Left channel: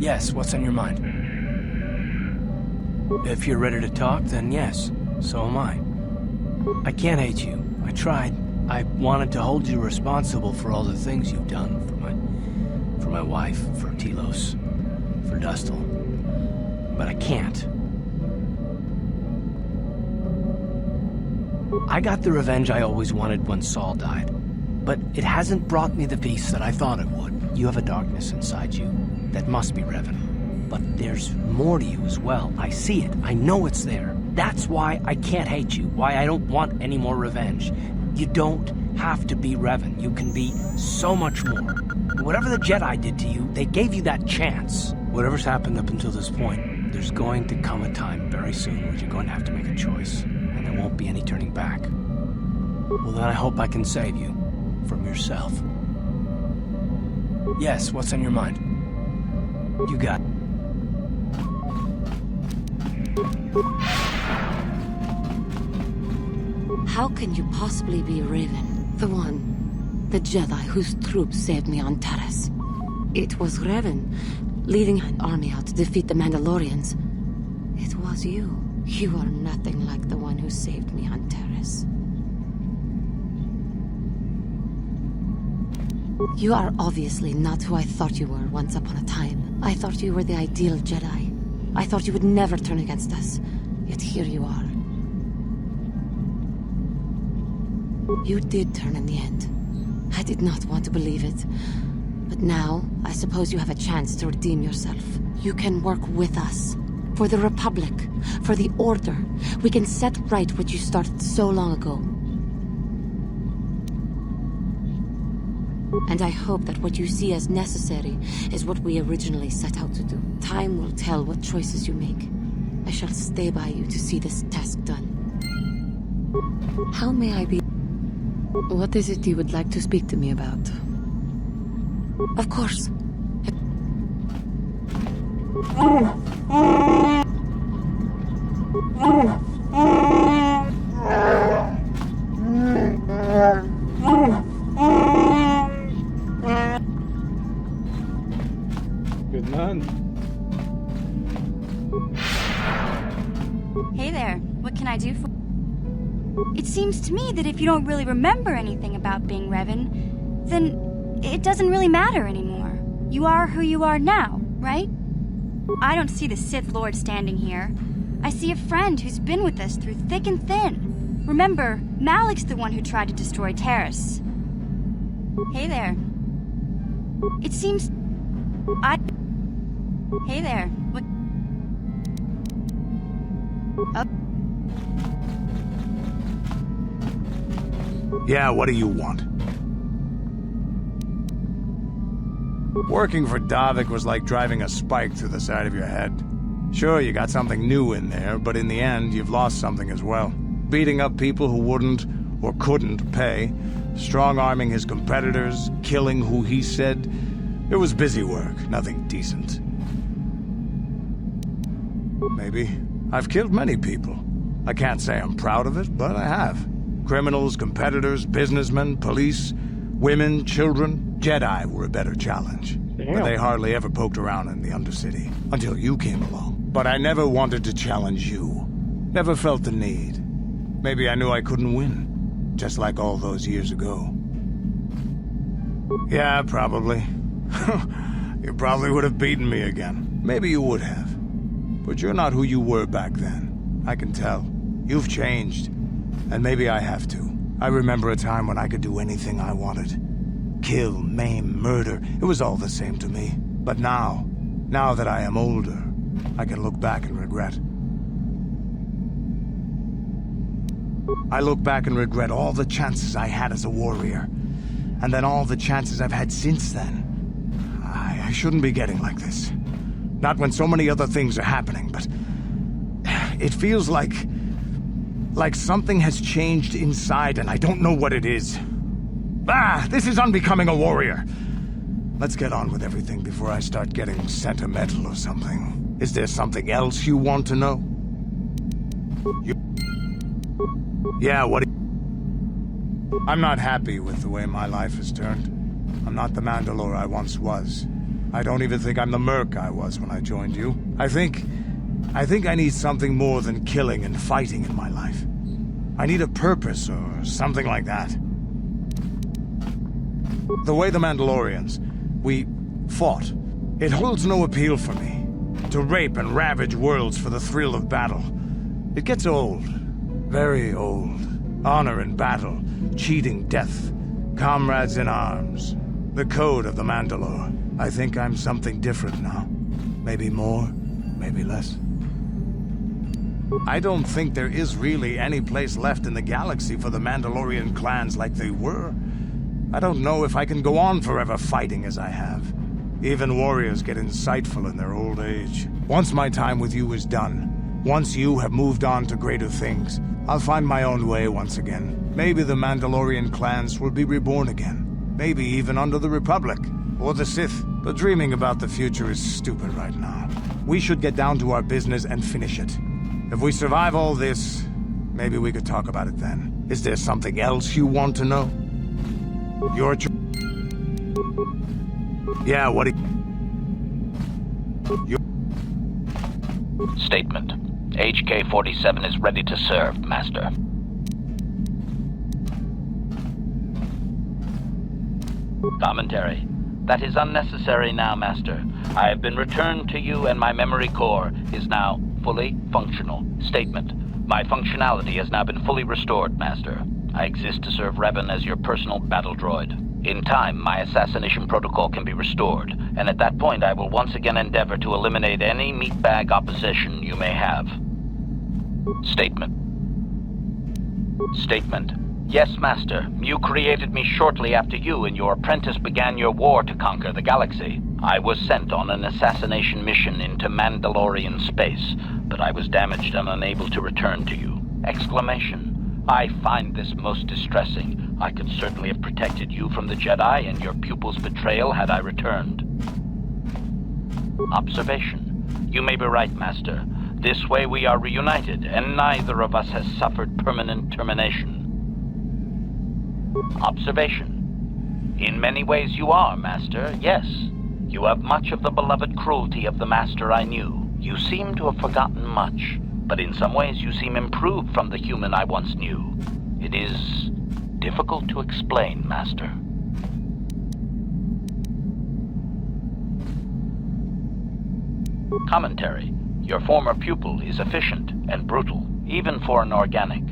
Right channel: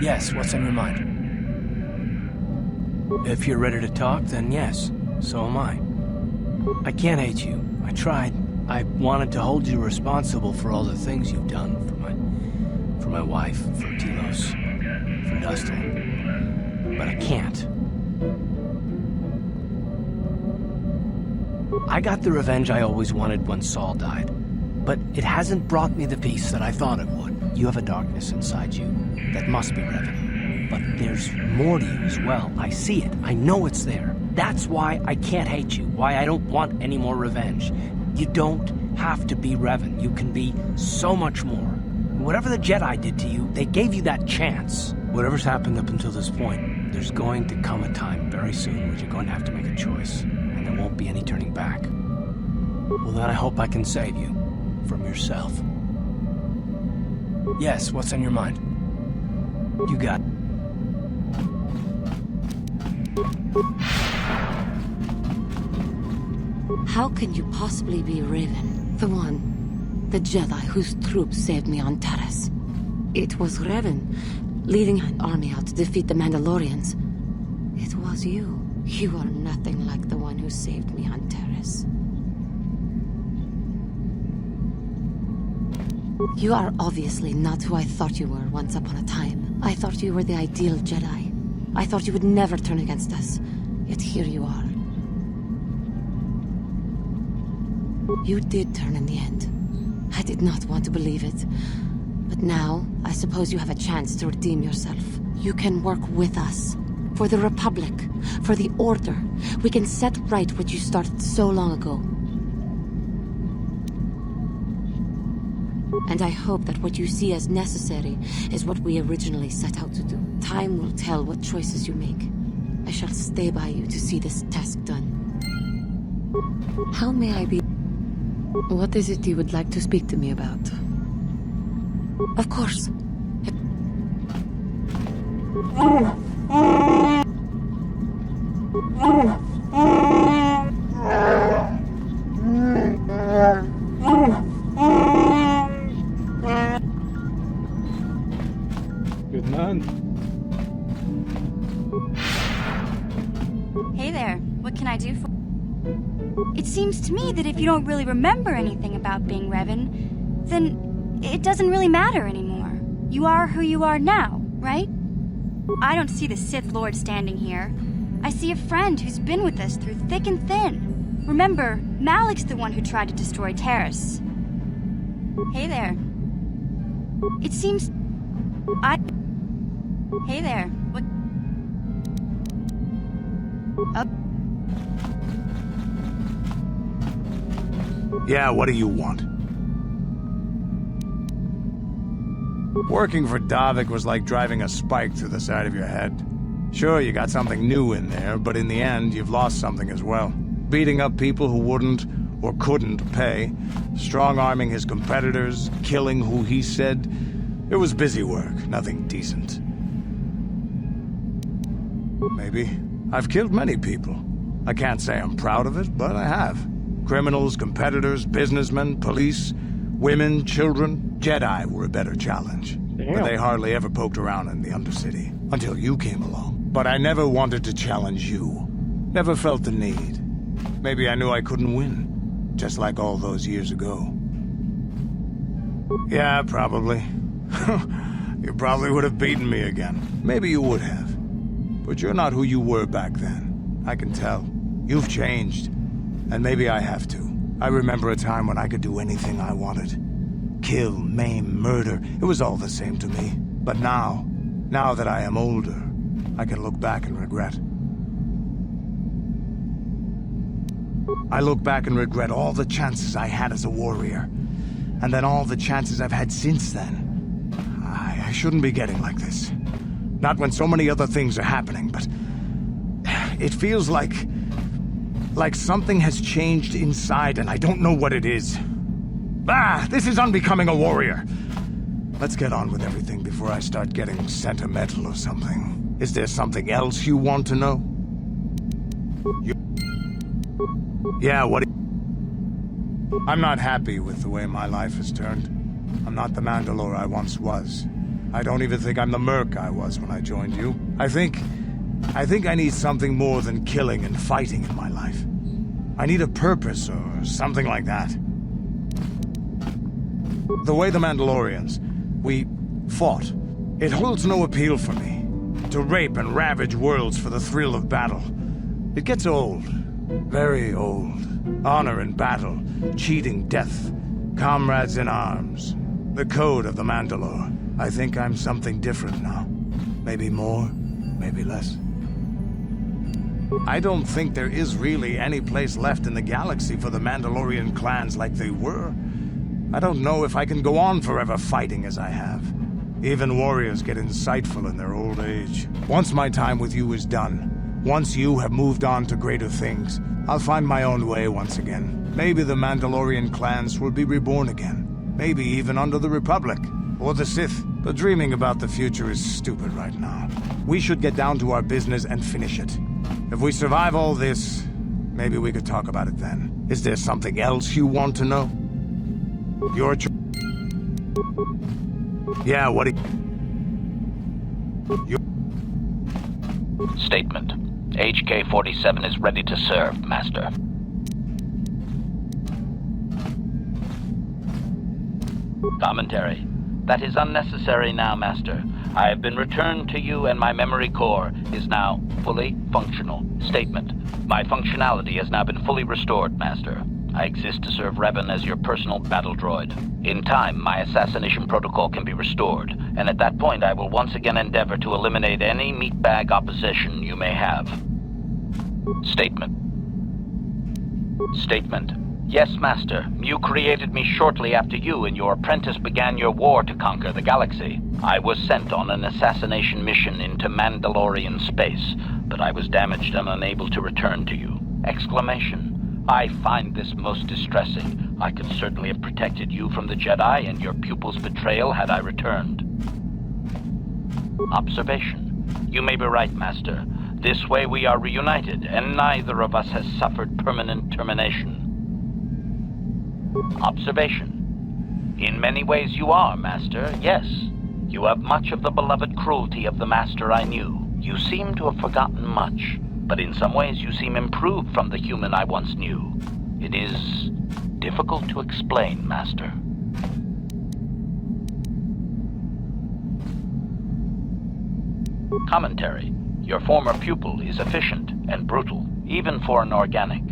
Yes, what's on your mind? If you're ready to talk, then yes, so am I. I can't hate you. I tried. I wanted to hold you responsible for all the things you've done for my wife, for Telos, for Dustil. But I can't. I got the revenge I always wanted when Saul died, but it hasn't brought me the peace that I thought it would. You have a darkness inside you that must be Revan. But there's more to you as well. I see it. I know it's there. That's why I can't hate you, why I don't want any more revenge. You don't have to be Revan. You can be so much more. Whatever the Jedi did to you, they gave you that chance. Whatever's happened up until this point, there's going to come a time very soon where you're going to have to make a choice, and there won't be any turning back. Well, then I hope I can save you from yourself. Yes, what's on your mind? You got it. How can you possibly be Revan? The Jedi whose troops saved me on Taris. It was Revan, leading an army out to defeat the Mandalorians. It was you. You are nothing like the one who saved me on Taris. You are obviously not who I thought you were once upon a time. I thought you were the ideal Jedi. I thought you would never turn against us. Yet here you are. You did turn in the end. I did not want to believe it. But now, I suppose you have a chance to redeem yourself. You can work with us. For the Republic. For the Order. We can set right what you started so long ago. And I hope that what you see as necessary is what we originally set out to do. Time will tell what choices you make. I shall stay by you to see this task done. How may I be? What is it you would like to speak to me about? Of course. Good man. Hey there, what can I do for... It seems to me that if you don't really remember anything about being Revan, then it doesn't really matter anymore. You are who you are now, right? I don't see the Sith Lord standing here. I see a friend who's been with us through thick and thin. Remember, Malik's the one who tried to destroy Taris. Hey there. It seems... Hey there, what... Yeah, what do you want? Working for Davik was like driving a spike through the side of your head. Sure, you got something new in there, but in the end, you've lost something as well. Beating up people who wouldn't or couldn't pay, strong-arming his competitors, killing who he said. It was busy work, nothing decent. Maybe. I've killed many people. I can't say I'm proud of it, but I have. Criminals, competitors, businessmen, police, women, children. Jedi were a better challenge. Damn. But they hardly ever poked around in the Undercity. Until you came along. But I never wanted to challenge you. Never felt the need. Maybe I knew I couldn't win. Just like all those years ago. Yeah, probably. You probably would have beaten me again. Maybe you would have. But you're not who you were back then. I can tell. You've changed. And maybe I have to. I remember a time when I could do anything I wanted. Kill, maim, murder. It was all the same to me. But now that I am older, I can look back and regret. I look back and regret all the chances I had as a warrior. And then all the chances I've had since then. I shouldn't be getting like this. Not when so many other things are happening, but... It feels like something has changed inside and I don't know what it is. This is unbecoming a warrior. Let's get on with everything before I start getting sentimental or something. Is there something else you want to know? Yeah, what? I'm not happy with the way my life has turned. I'm not the Mandalore I once was. I don't even think I'm the merc I was when I joined you. I think I need something more than killing and fighting in my life. I need a purpose or something like that. The way the Mandalorians, we fought, it holds no appeal for me. To rape and ravage worlds for the thrill of battle. It gets old. Very old. Honor in battle, cheating death, comrades in arms. The code of the Mandalore. I think I'm something different now. Maybe more, maybe less. I don't think there is really any place left in the galaxy for the Mandalorian clans like they were. I don't know if I can go on forever fighting as I have. Even warriors get insightful in their old age. Once my time with you is done, once you have moved on to greater things, I'll find my own way once again. Maybe the Mandalorian clans will be reborn again. Maybe even under the Republic, or the Sith. But dreaming about the future is stupid right now. We should get down to our business and finish it. If we survive all this, maybe we could talk about it then. Is there something else you want to know? Your choice. Yeah, what do you... Statement. HK-47 is ready to serve, Master. Commentary. That is unnecessary now, Master. I have been returned to you and my memory core is now fully functional. Statement. My functionality has now been fully restored, Master. I exist to serve Revan as your personal battle droid. In time, my assassination protocol can be restored, and at that point I will once again endeavor to eliminate any meatbag opposition you may have. Statement. Statement. Yes, Master. You created me shortly after you and your apprentice began your war to conquer the galaxy. I was sent on an assassination mission into Mandalorian space, but I was damaged and unable to return to you. Exclamation. I find this most distressing. I could certainly have protected you from the Jedi and your pupil's betrayal had I returned. Observation. You may be right, Master. This way we are reunited, and neither of us has suffered permanent termination. Observation. In many ways you are, Master, yes. You have much of the beloved cruelty of the Master I knew. You seem to have forgotten much, but in some ways you seem improved from the human I once knew. It is difficult to explain, Master. Commentary. Your former pupil is efficient and brutal, even for an organic.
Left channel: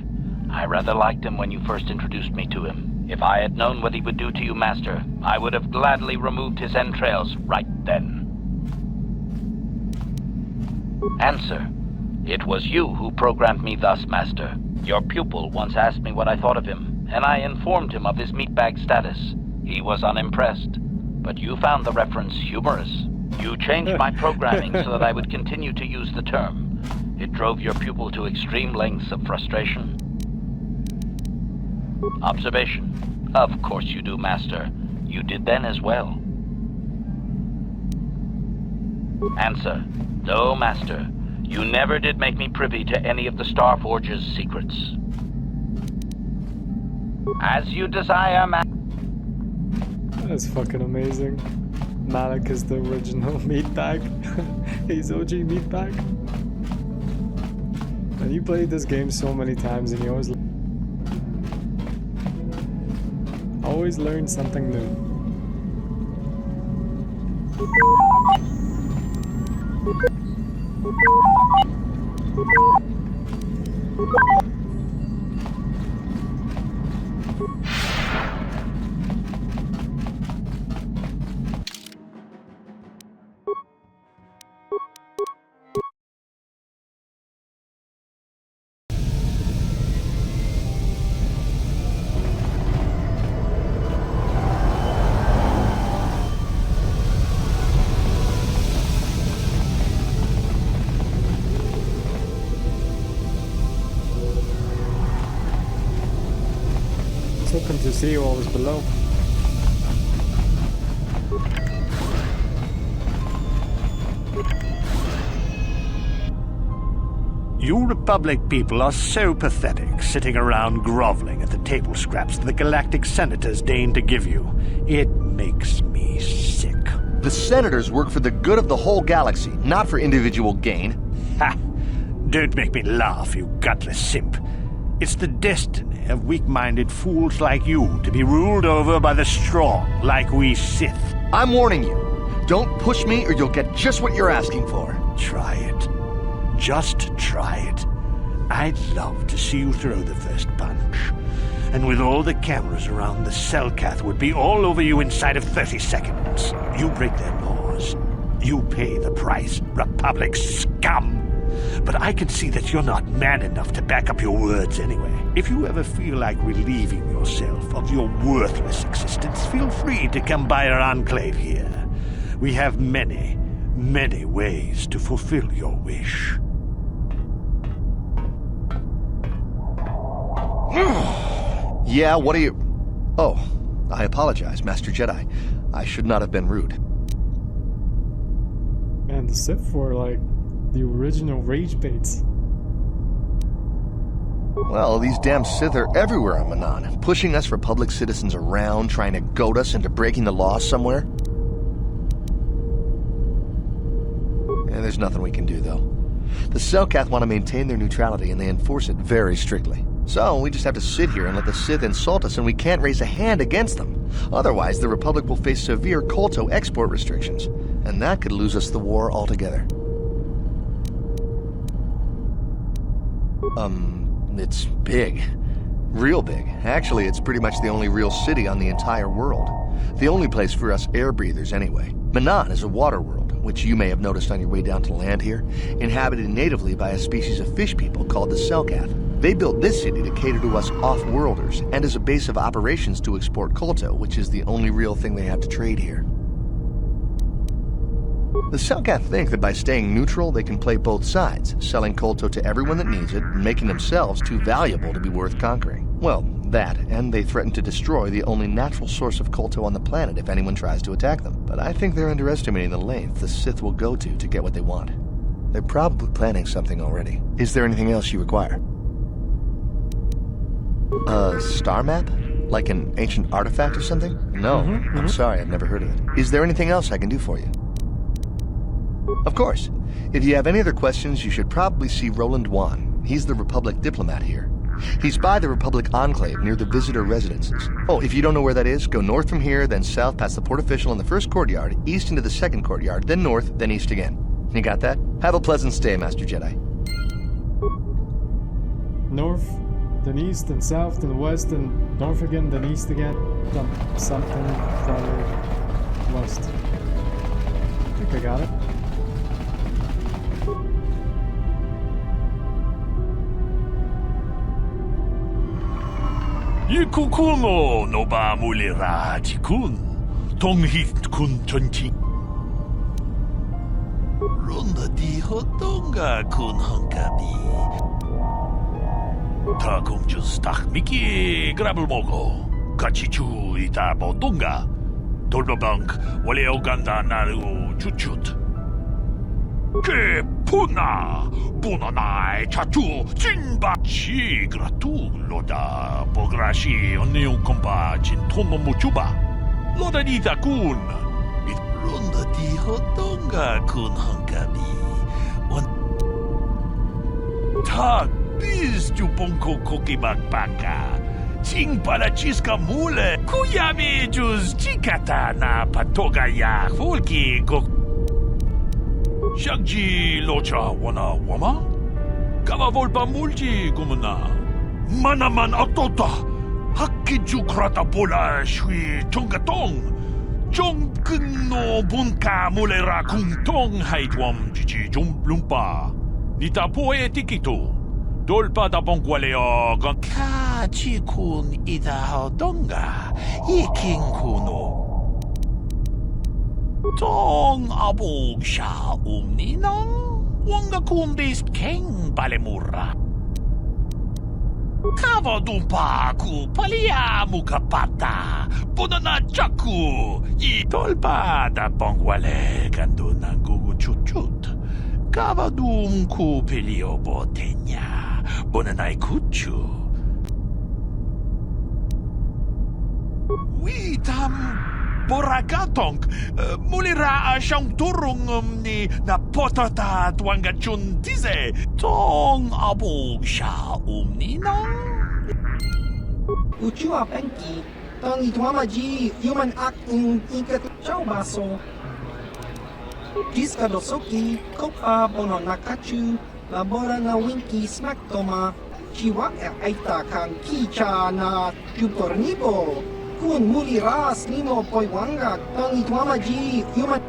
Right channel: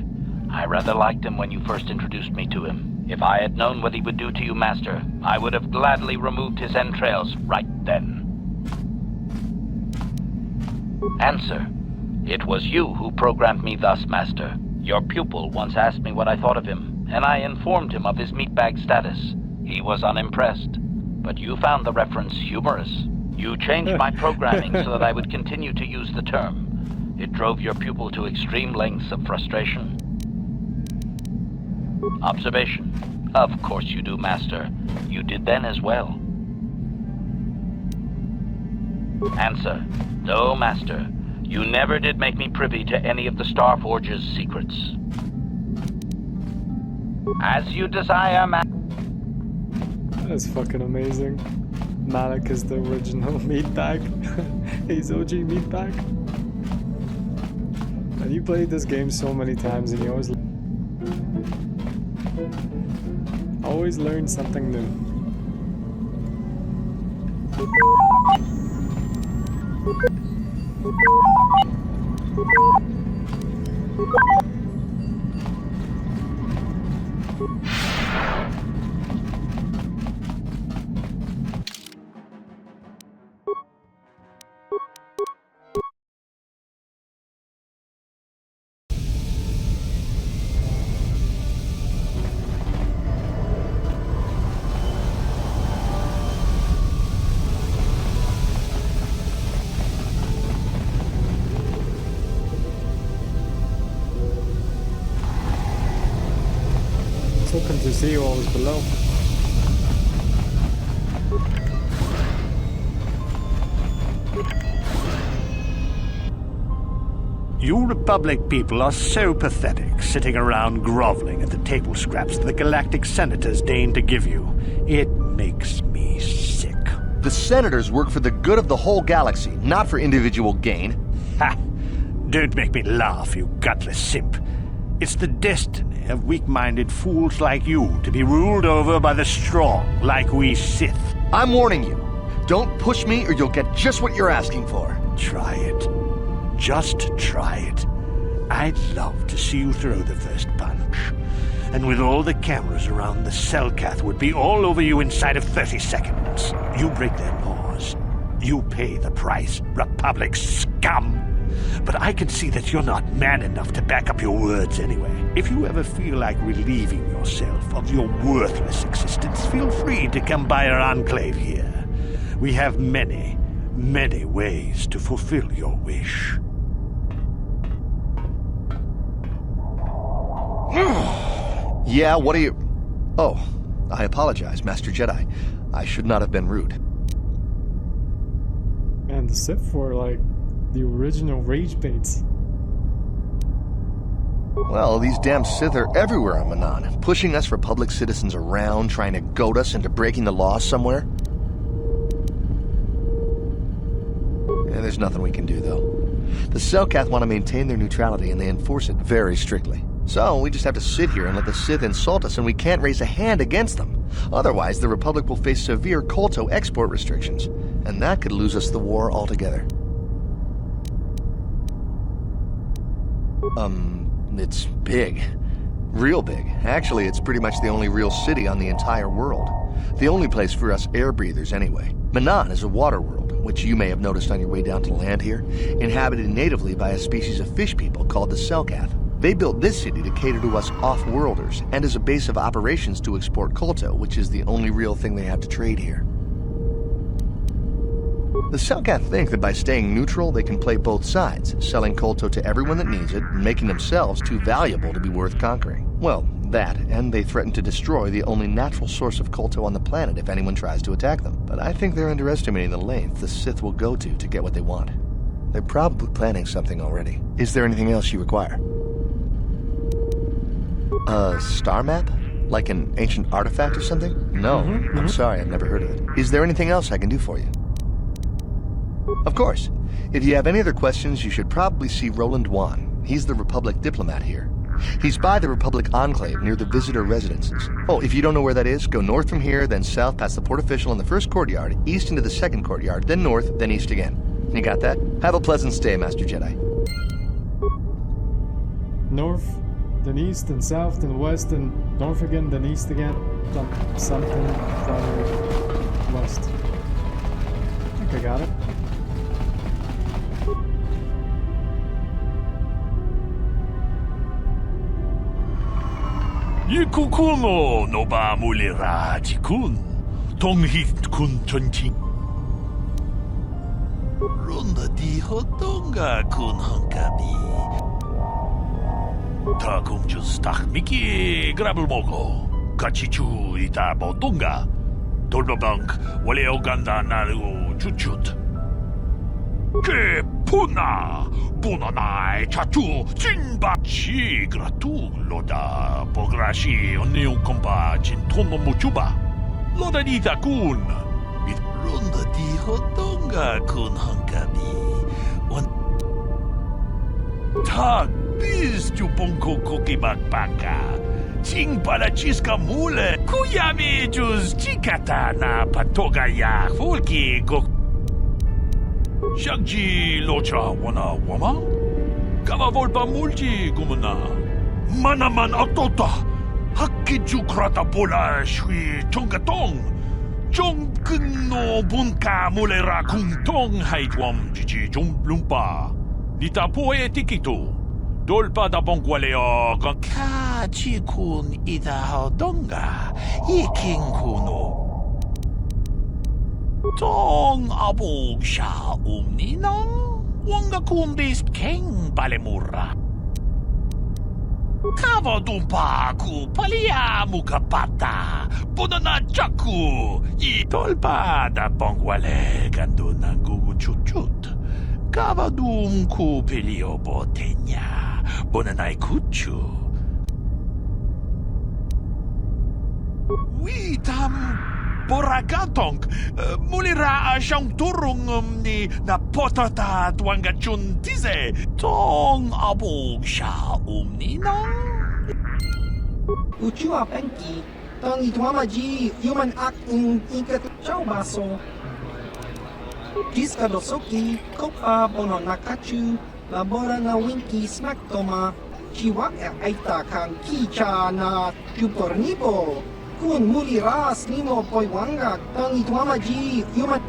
I rather liked him when you first introduced me to him. If I had known what he would do to you, Master, I would have gladly removed his entrails right then. Answer. It was you who programmed me thus, Master. Your pupil once asked me what I thought of him, and I informed him of his meatbag status. He was unimpressed, but you found the reference humorous. You changed my programming so that I would continue to use the term. It drove your pupil to extreme lengths of frustration. Observation. Of course you do, Master. You did then as well. Answer. No, Master. You never did make me privy to any of the Starforge's secrets. As you desire, That's fucking amazing. Malik is the original meatbag. He's OG meatbag. And you played this game so many times and you always learn something new. Hoping to see what was below. You Republic people are so pathetic, sitting around groveling at the table scraps the galactic senators deign to give you. It makes me sick. The senators work for the good of the whole galaxy, not for individual gain. Ha! Don't make me laugh, you gutless simp. It's the destiny of weak-minded fools like you to be ruled over by the strong, like we Sith. I'm warning you. Don't push me or you'll get just what you're asking for. Try it. Just try it. I'd love to see you throw the first punch. And with all the cameras around, the Selkath would be all over you inside of 30 seconds. You break their laws. You pay the price, Republic scum. But I can see that you're not man enough to back up your words anyway. If you ever feel like relieving yourself of your worthless existence, feel free to come by our enclave here. We have many, many ways to fulfill your wish. Yeah, what are you... Oh, I apologize, Master Jedi. I should not have been rude. Man, the Sith were like the original rage baits. Well, these damn Sith are everywhere on Manaan, pushing us Republic citizens around, trying to goad us into breaking the law somewhere. Yeah, there's nothing we can do, though. The Selkath want to maintain their neutrality, and they enforce it very strictly. So, we just have to sit here and let the Sith insult us, and we can't raise a hand against them. Otherwise, the Republic will face severe KOTOR export restrictions, and that could lose us the war altogether. It's big. Real big. Actually, it's pretty much the only real city on the entire world. The only place for us air breathers, anyway. Manaan is a water world, which you may have noticed on your way down to land here, inhabited natively by a species of fish people called the Selkath. They built this city to cater to us off-worlders, and as a base of operations to export kolto, which is the only real thing they have to trade here. The Selkath think that by staying neutral, they can play both sides, selling kolto to everyone that needs it, and making themselves too valuable to be worth conquering. Well, that, and they threaten to destroy the only natural source of kolto on the planet if anyone tries to attack them. But I think they're underestimating the length the Sith will go to get what they want. They're probably planning something already. Is there anything else you require? A star map? Like an ancient artifact or something? No, I'm sorry, I've never heard of it. Is there anything else I can do for you? Of course. If you have any other questions, you should probably see Roland Wan. He's the Republic diplomat here. He's by the Republic Enclave near the visitor residences. Oh, if you don't know where that is, go north from here, then south past the port official in the first courtyard, east into the second courtyard, then north, then east again. You got that? Have a pleasant stay, Master Jedi. North, then east, then south, then west, then north again, then east again. Something from west. I think I got it. Ikukuno no ba mulirati kun. Tonghit kun tonti. Ronda di hotonga kun honkabi. Takum justak miki grabelmogo. Kachichu ita bodunga. Dolbabank wale oganda naru chuchut. Ke puna bunanai chachu jinba chi gratu loda pograshi oniu komba jintono muchuba loda dita kun it ronda di hotonga kun hankabi on tag bis tu bonko koki bakbaka ching para chiska mule kuyami jus chikata na patoga ya fulki go Shagji locha wana wama? Kava volpa multi gumuna. Manaman atota. Hakiju krata bola shui tongatong. Jong no bunka mulera kung tong haitwam jiji jom lumpa. Nita poe tikito. Dolpa da bongwaleo gan. Ka chikun ida hodonga. Iking kuno. Tong abog siya ninang wanga kundis keng balemura. Kava dumpa ku palia mukapata punana chaku I tolpa da bongwale gando na gugu chut. Kava dum ku pelio botenya bonanai kuchu. We tam Buragatong, mulira siyang turong ni napotata tuangachun tize, tong abog siya ninang. Uchua penki, tang itwamaji, human act in ikat chao baso. Jiska dosoki, kopa bono nakachu, labora na winki smack toma, chiwa aita kang kicha na jupornibo. Kun muli ras nimo poiwanga, tang itwamaji, human...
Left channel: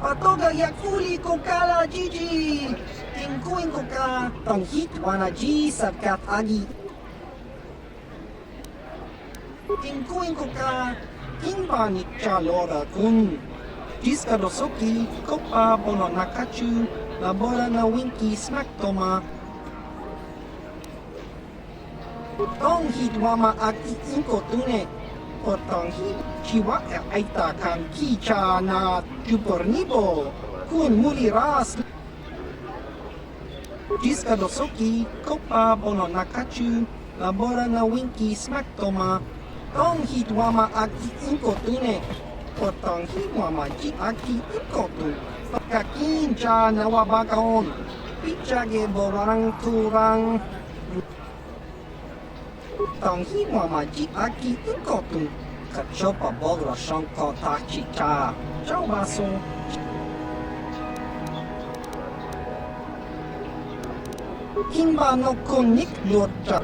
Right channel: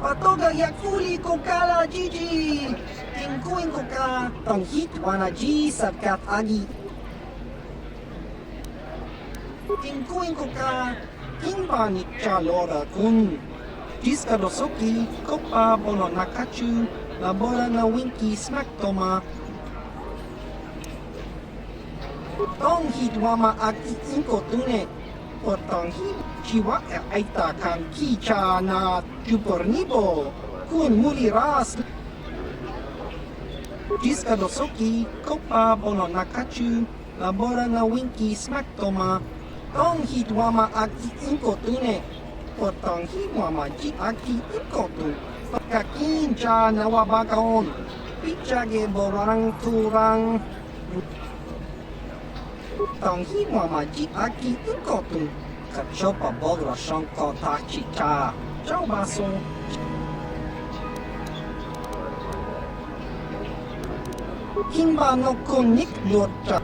Patoga yakuli kokala jiji! Tingkuin ko ka, tang hitwana ji sabkat agi. Tingkuin ko ka, kimba ni chalora kun. Jiska dosoki, kopa bono nakachu, labora na winki smack toma. Tong hitwama agi inko tune. O tong hit, chiwa aita kang kicha na jupornibo. Kun muli ras... Jiska dosoki, kopa bono nakachu, labora na winki smack toma. Tong hitwama agi inko tune. O tong hitwama ji agi inko tu. Kakin cha nawabakaon. Pichage borang turang. Tong hitwama ji agi inko tu. Kachopa bogra shanko tachi cha. Chao baso. Kimba no konik lota.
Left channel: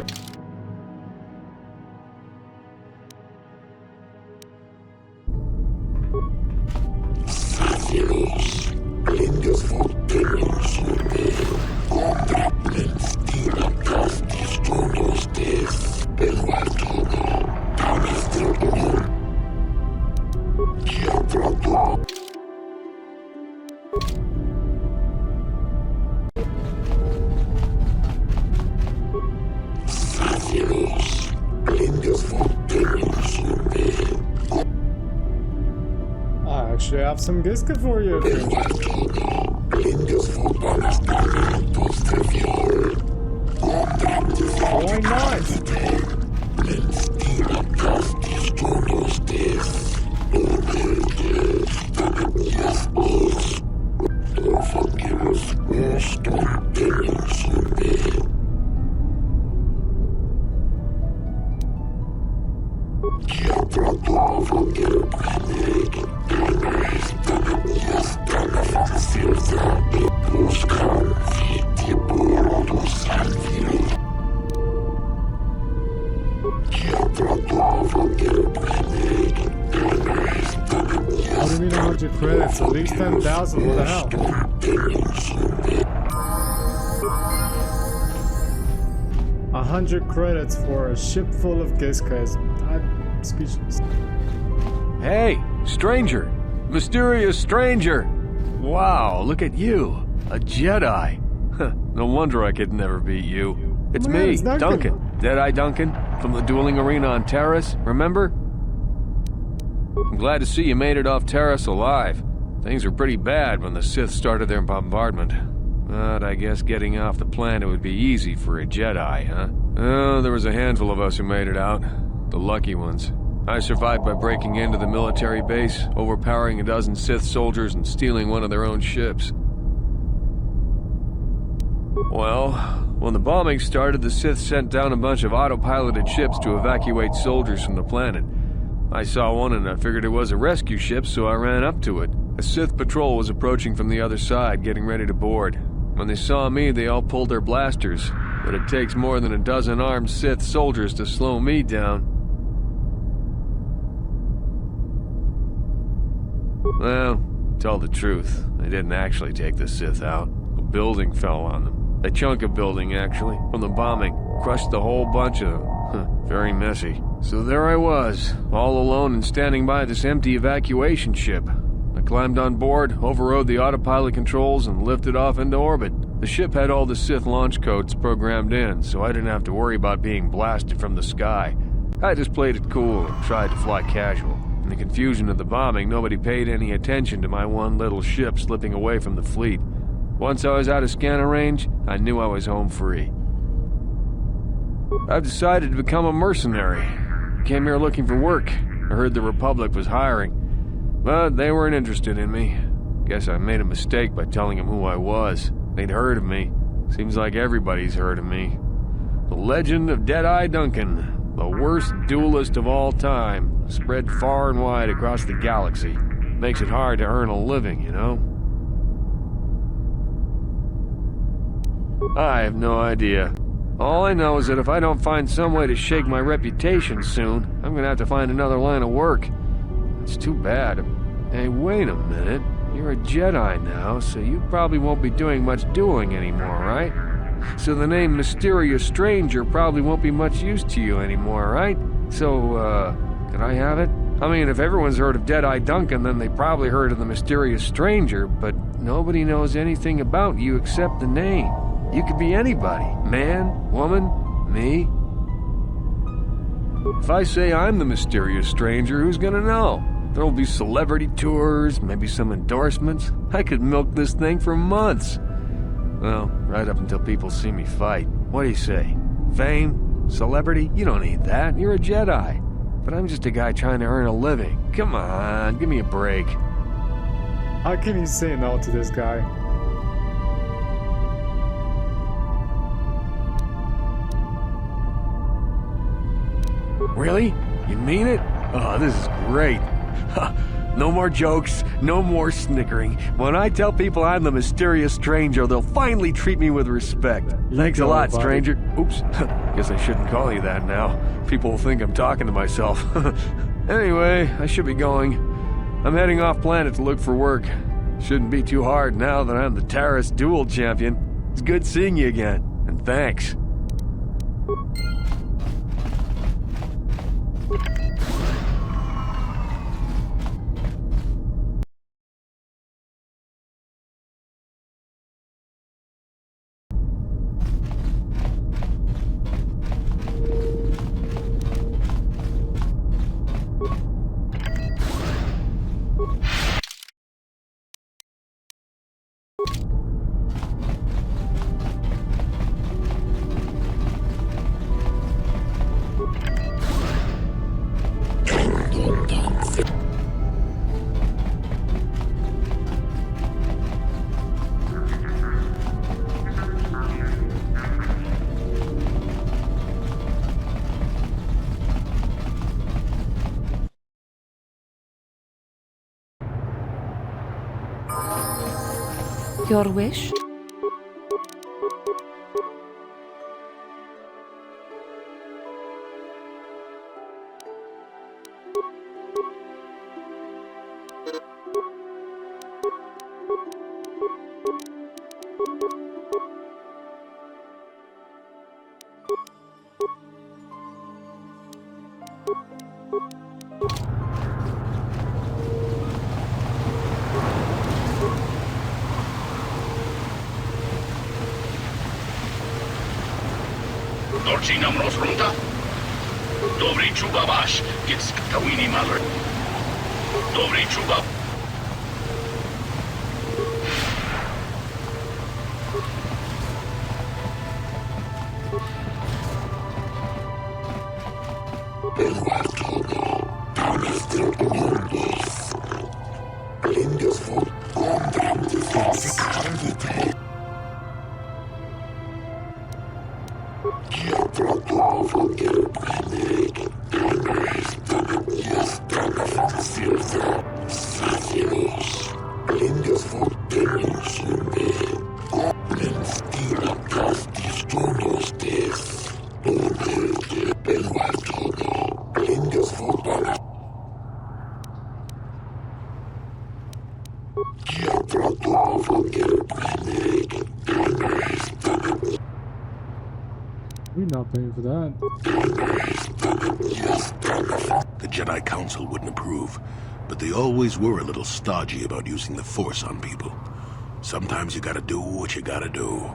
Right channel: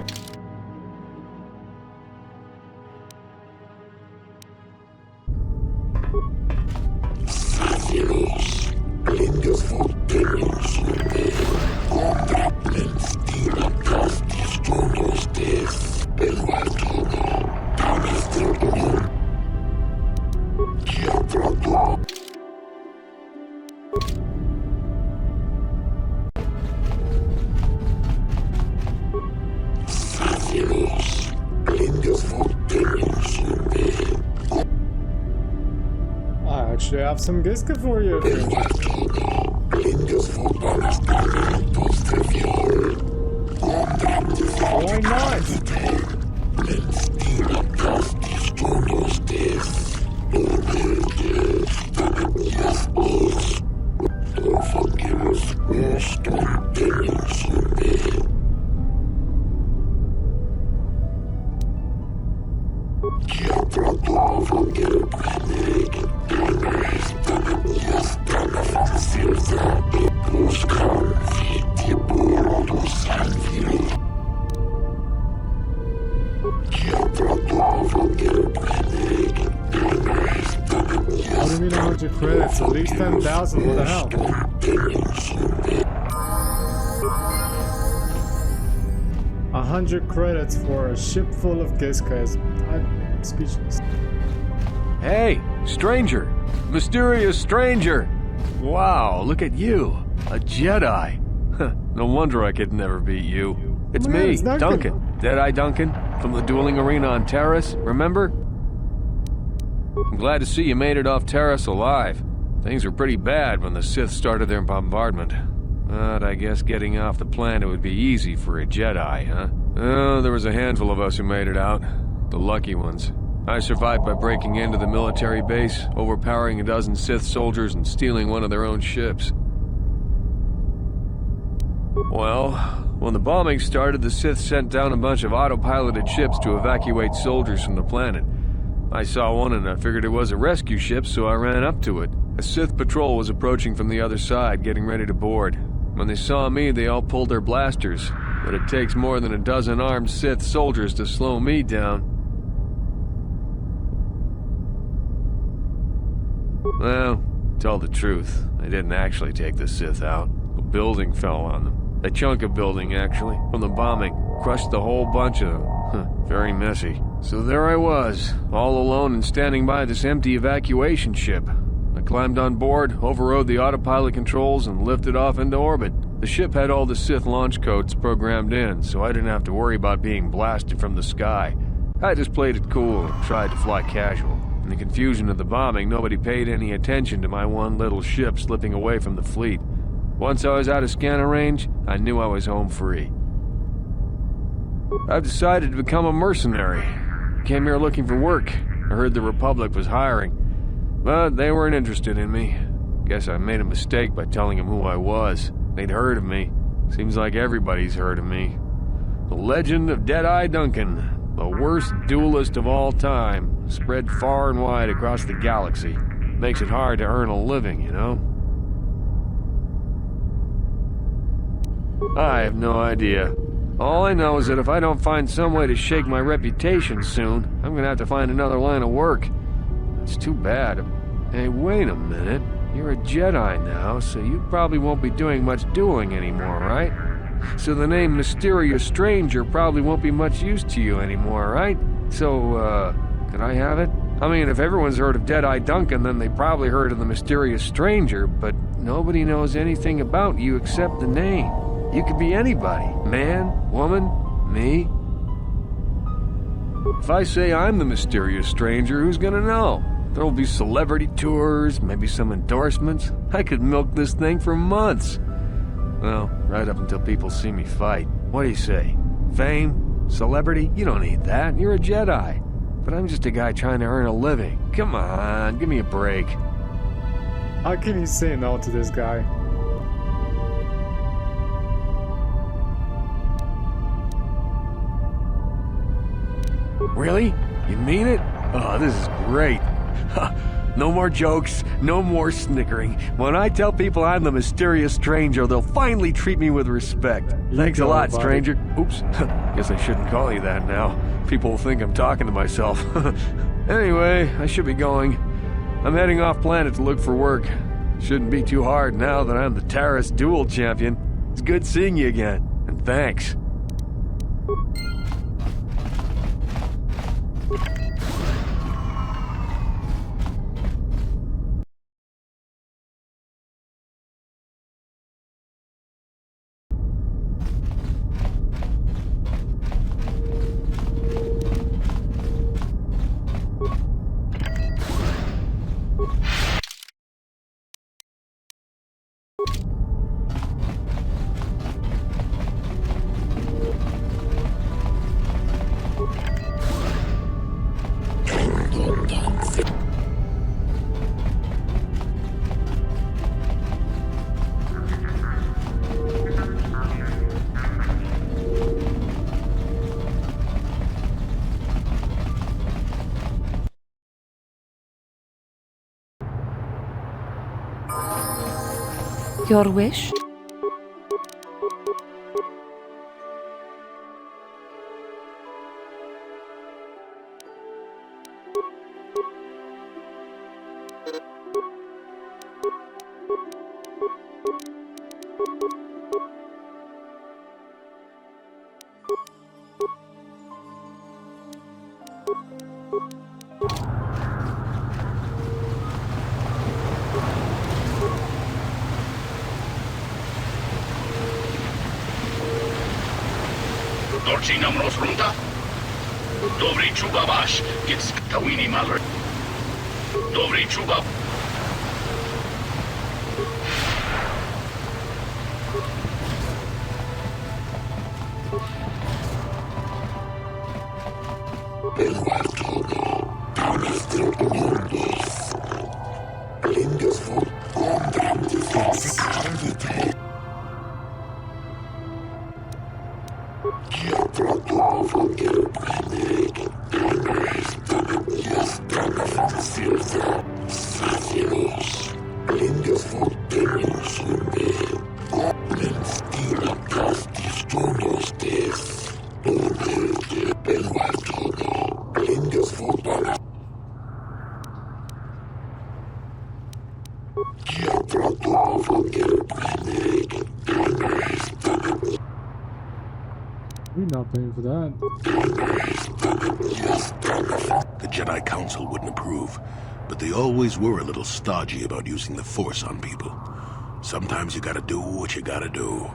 I actually have some Giska for you. Why not? What do you mean 100 credits? At least 10,000, what the hell? A 100 credits for a ship full of Giskas. I'm speechless. Hey, stranger! Mysterious stranger! Wow, look at you! A Jedi! Huh, no wonder I could never beat you. It's Man, me, it's Duncan. Deadeye Duncan, from the dueling arena on Terrace, remember? I'm glad to see you made it off Terrace alive. Things were pretty bad when the Sith started their bombardment. But I guess getting off the planet would be easy for a Jedi, huh? Oh, there was a handful of us who made it out. The lucky ones. I survived by breaking into the military base, overpowering a dozen Sith soldiers and stealing one of their own ships. Well, when the bombing started, the Sith sent down a bunch of autopiloted ships to evacuate soldiers from the planet. I saw one and I figured it was a rescue ship, so I ran up to it. A Sith patrol was approaching from the other side, getting ready to board. When they saw me, they all pulled their blasters, but it takes more than a dozen armed Sith soldiers to slow me down. Well, to tell the truth, I didn't actually take the Sith out. A building fell on them. A chunk of building, actually, from the bombing. Crushed the whole bunch of them. Very messy. So there I was, all alone and standing by this empty evacuation ship. I climbed on board, overrode the autopilot controls, and lifted off into orbit. The ship had all the Sith launch codes programmed in, so I didn't have to worry about being blasted from the sky. I just played it cool and tried to fly casual. In the confusion of the bombing, nobody paid any attention to my one little ship slipping away from the fleet. Once I was out of scanner range, I knew I was home free. I've decided to become a mercenary. came here looking for work. I heard the Republic was hiring. But they weren't interested in me. Guess I made a mistake by telling them who I was. They'd heard of me. Seems like everybody's heard of me. The legend of Deadeye Duncan, the worst duelist of all time, spread far and wide across the galaxy. Makes it hard to earn a living, you know? I have no idea. All I know is that if I don't find some way to shake my reputation soon, I'm gonna have to find another line of work. It's too bad. Hey, wait a minute. You're a Jedi now, so you probably won't be doing much dueling anymore, right? So the name Mysterious Stranger probably won't be much use to you anymore, right? So, can I have it? I mean, if everyone's heard of Deadeye Duncan, then they probably heard of the Mysterious Stranger, but nobody knows anything about you except the name. You could be anybody. Man, woman, me. If I say I'm the Mysterious Stranger, who's gonna know? There'll be celebrity tours, maybe some endorsements. I could milk this thing for months. Well, right up until people see me fight. What do you say? Fame? Celebrity? You don't need that. You're a Jedi. But I'm just a guy trying to earn a living. Come on, give me a break. How can you say no to this guy? Really? You mean it? Oh, this is great. No more jokes, no more snickering. When I tell people I'm the Mysterious Stranger, they'll finally treat me with respect. Thanks a lot, stranger. Oops, guess I shouldn't call you that now. People will think I'm talking to myself. Anyway, I should be going. I'm heading off planet to look for work. Shouldn't be too hard now that I'm the Taris Duel Champion. It's good seeing you again, and thanks. Your wish? Dorci nam rozrunta? Dobry czuba basz, gets tawini maler. Dobry czuba. We're not paying for that. The Jedi Council wouldn't approve, but they always were a little stodgy about using the Force on people. Sometimes you gotta do what you gotta do.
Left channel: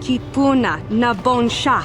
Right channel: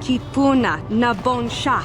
Kipuna na bonsha.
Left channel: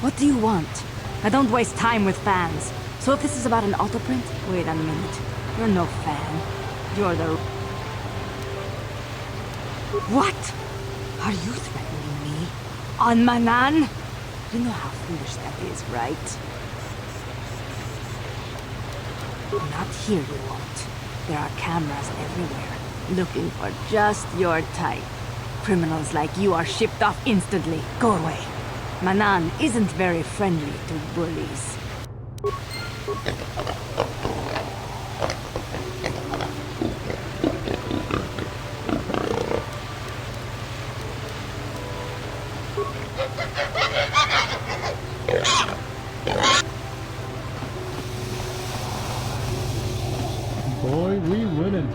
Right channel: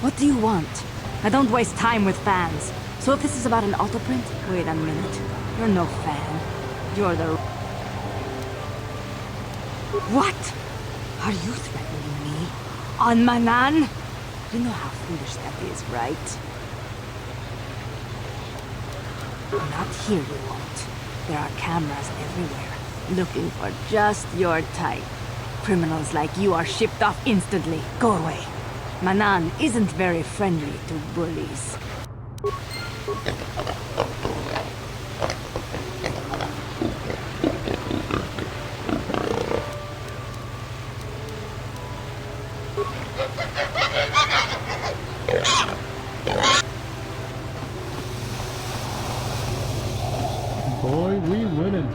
What do you want? I don't waste time with fans. So if this is about an autoprint, wait a minute. You're no fan. You're the... What? Are you threatening me? On Manaan? You know how foolish that is, right? Not here, you won't. There are cameras everywhere, looking for just your type. Criminals like you are shipped off instantly. Go away. Manaan isn't very friendly to bullies. Boy, we winning.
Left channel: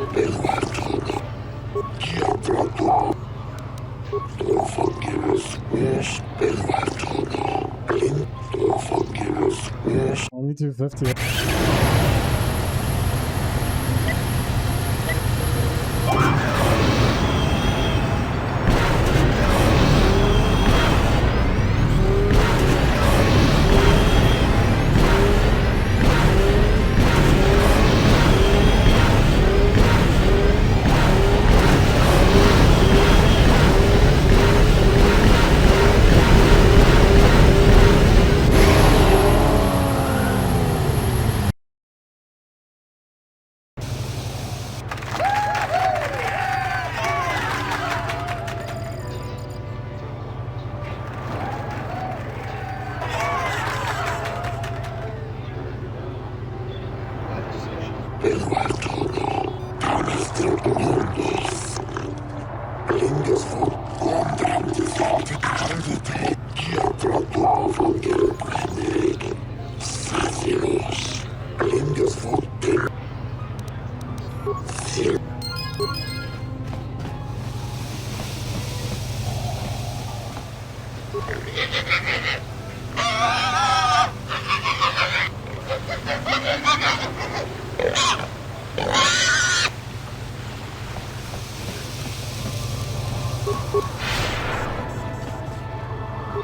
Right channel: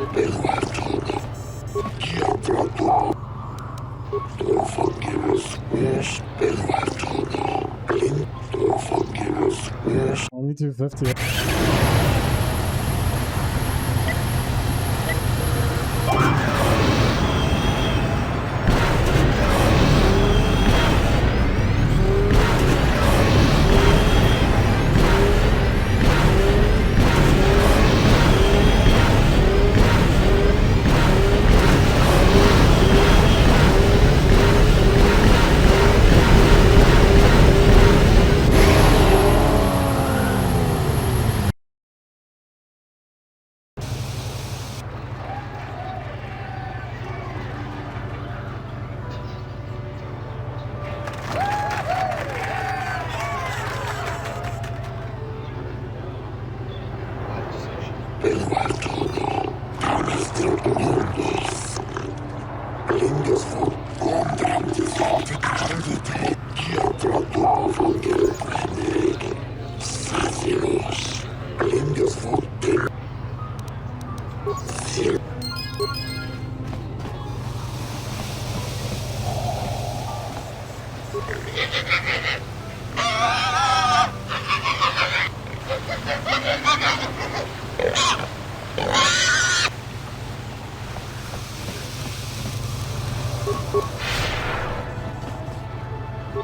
Only 250.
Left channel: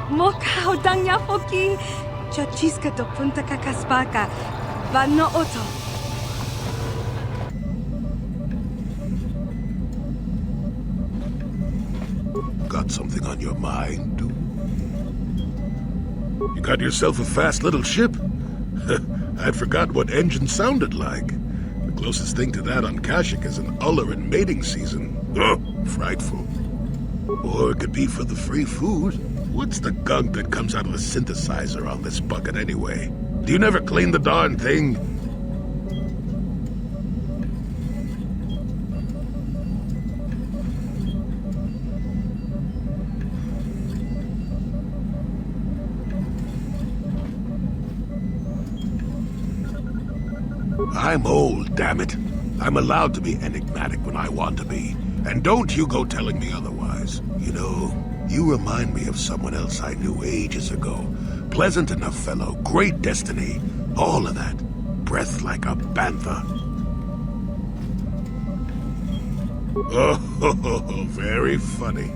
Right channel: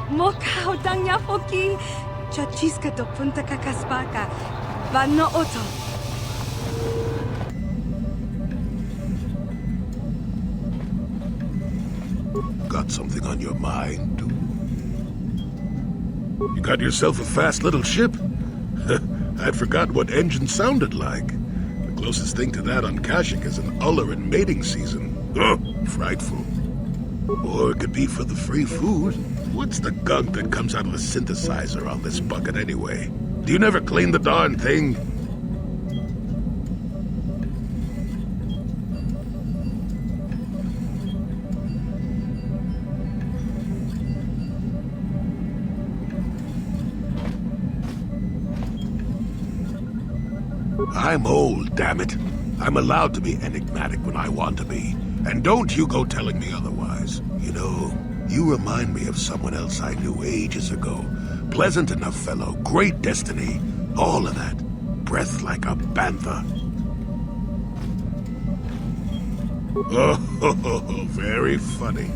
Mokao dangya foki. Chachiska to punta kakaspaka. Vano oto. Got something on your mind, dude? You got yourself a fast little ship? I'd forgotten what engine sounded like. The closest thing to that on Kashyyyk is an uller in mating season. Ugh, frightful. Or it could be for the free food. What's the gunk that comes out of the synthesizer on this bucket anyway? Do you never clean the darn thing? I'm old, damn it. I'm allowed to be enigmatic when I want to be. And don't you go telling me otherwise. You know, you remind me of someone else I knew ages ago. Pleasant enough fellow, great destiny, all of that. Breath like a bantha. Oh, very funny.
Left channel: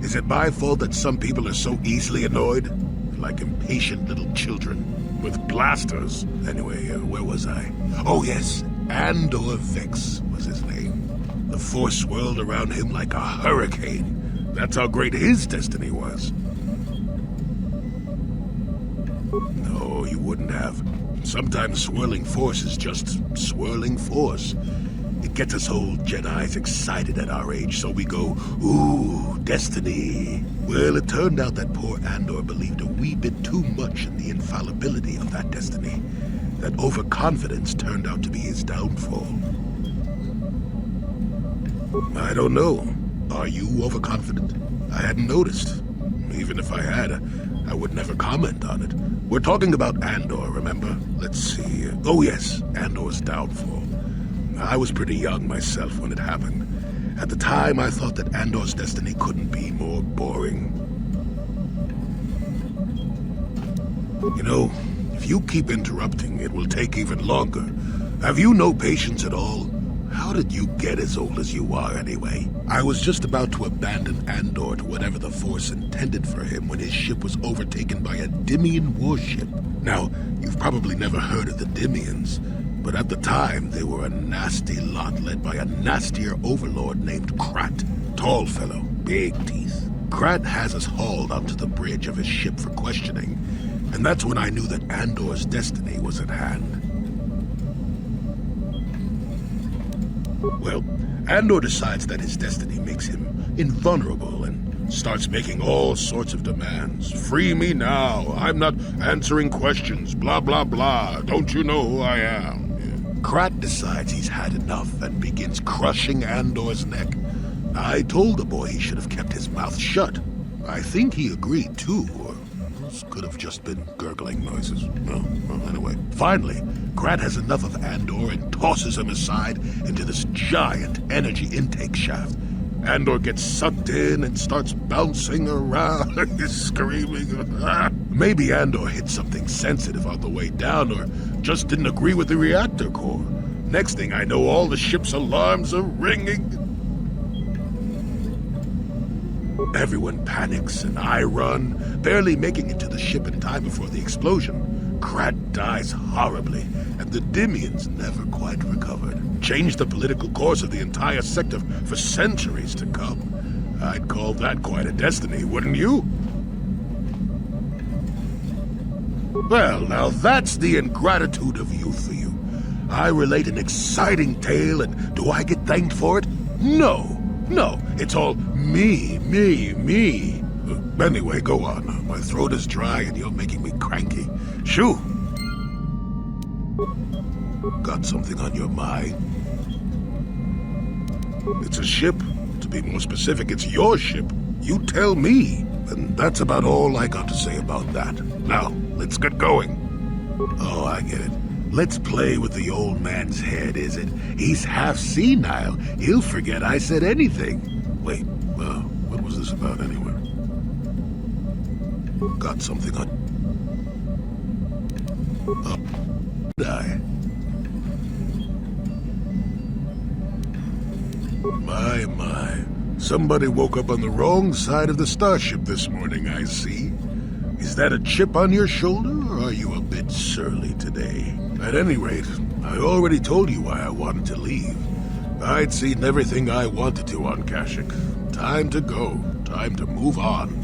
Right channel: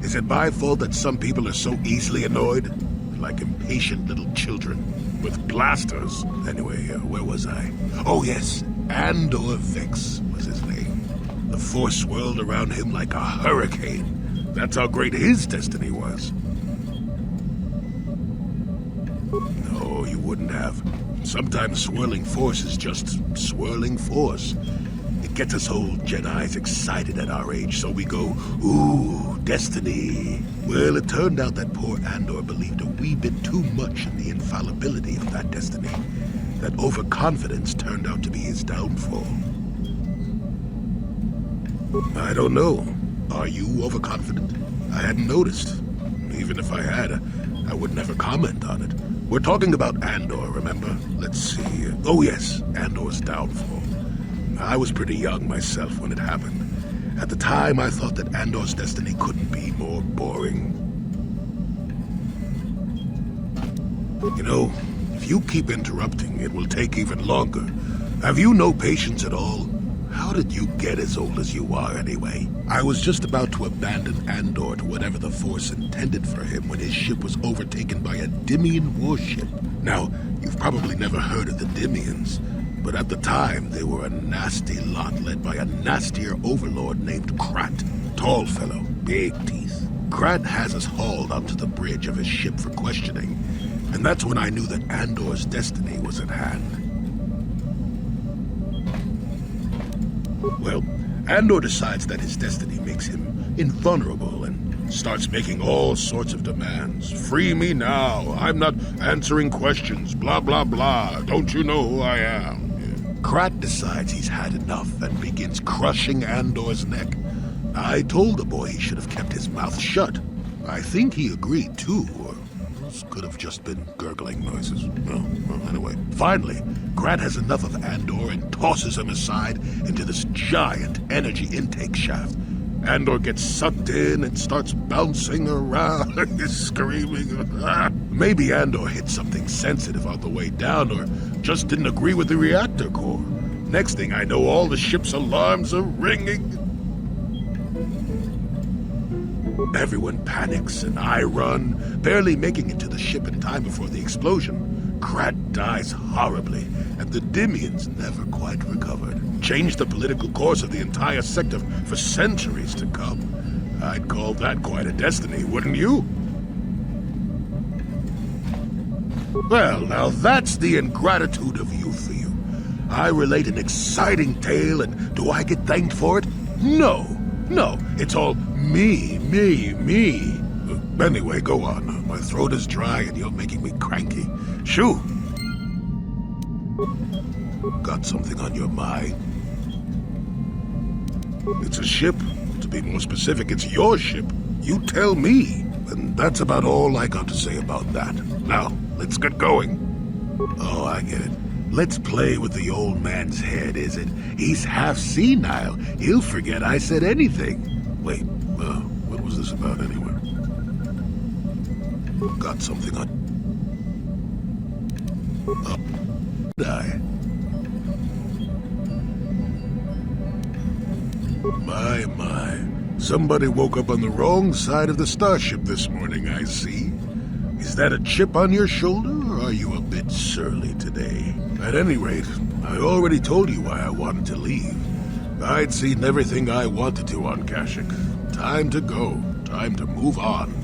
Is it my fault that some people are so easily annoyed? Like impatient little children. With blasters. Anyway, where was I? Oh yes, Andor Vex was his name. The Force swirled around him like a hurricane. That's how great his destiny was. No, you wouldn't have. Sometimes swirling force is just swirling force. It gets us old Jedis excited at our age, so we go, ooh, destiny. Well, it turned out that poor Andor believed a wee bit too much in the infallibility of that destiny. That overconfidence turned out to be his downfall. I don't know. Are you overconfident? I hadn't noticed. Even if I had, I would never comment on it. We're talking about Andor, remember? Let's see. Oh yes, Andor's downfall. I was pretty young myself when it happened. At the time, I thought that Andor's destiny couldn't be more boring. You know, if you keep interrupting, it will take even longer. Have you no patience at all? How did you get as old as you are, anyway? I was just about to abandon Andor to whatever the Force intended for him when his ship was overtaken by a Dimian warship. Now, you've probably never heard of the Dimians, but at the time, they were a nasty lot led by a nastier overlord named Krat. Tall fellow, big teeth. Krat has us hauled onto the bridge of his ship for questioning, and that's when I knew that Andor's destiny was at hand. Well, Andor decides that his destiny makes him invulnerable, and Starts making all sorts of demands. Free me now. I'm not answering questions. Blah, blah, blah. Don't you know who I am? Krat decides he's had enough and begins crushing Andor's neck. I told the boy he should have kept his mouth shut. I think he agreed too, or this could have just been gurgling noises. Well, anyway. Finally, Krat has enough of Andor and tosses him aside into this giant energy intake shaft. Andor gets sucked in and starts bouncing around, screaming. Maybe Andor hit something sensitive on the way down, or just didn't agree with the reactor core. Next thing I know, all the ship's alarms are ringing. Everyone panics, and I run, barely making it to the ship in time before the explosion. Krat dies horribly, and the Dimians never quite recovered. Changed the political course of the entire sector for centuries to come. I'd call that quite a destiny, wouldn't you? Well, now that's the ingratitude of youth for you. I relate an exciting tale, and do I get thanked for it? No. No, it's all me. Anyway, go on. My throat is dry and you're making me cranky. Shoo! Got something on your mind? It's a ship. To be more specific, it's your ship. You tell me. And that's about all I got to say about that. Now, let's get going. Oh, I get it. Let's play with the old man's head, is it? He's half senile. He'll forget I said anything. Wait, what was this about anyway? Got something on... Did I? My. Somebody woke up on the wrong side of the starship this morning, I see. Is that a chip on your shoulder, or are you a bit surly today? At any rate, I already told you why I wanted to leave. I'd seen everything I wanted to on Kashyyyk. Time to go. Time to move on.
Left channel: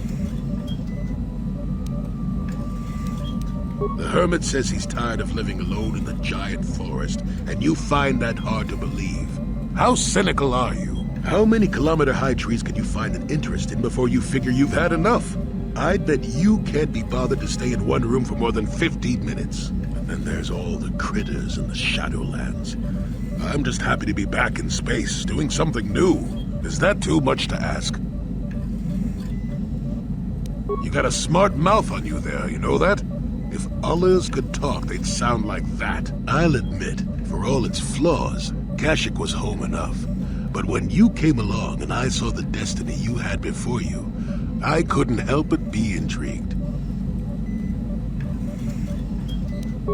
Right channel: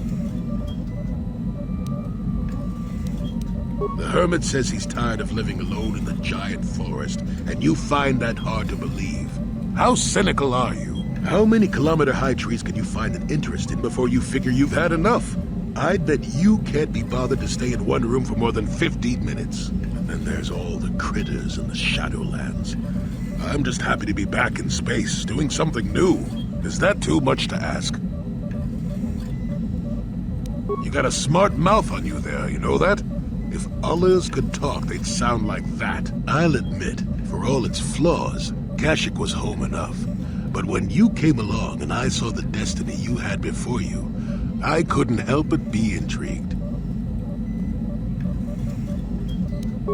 The hermit says he's tired of living alone in the giant forest, and you find that hard to believe. How cynical are you? How many kilometer-high trees can you find an interest in before you figure you've had enough? I'd bet you can't be bothered to stay in one room for more than 15 minutes. And then there's all the critters in the Shadowlands. I'm just happy to be back in space, doing something new. Is that too much to ask? You got a smart mouth on you there, you know that? If others could talk, they'd sound like that. I'll admit, for all its flaws, Kashyyyk was home enough. But when you came along and I saw the destiny you had before you, I couldn't help but be intrigued.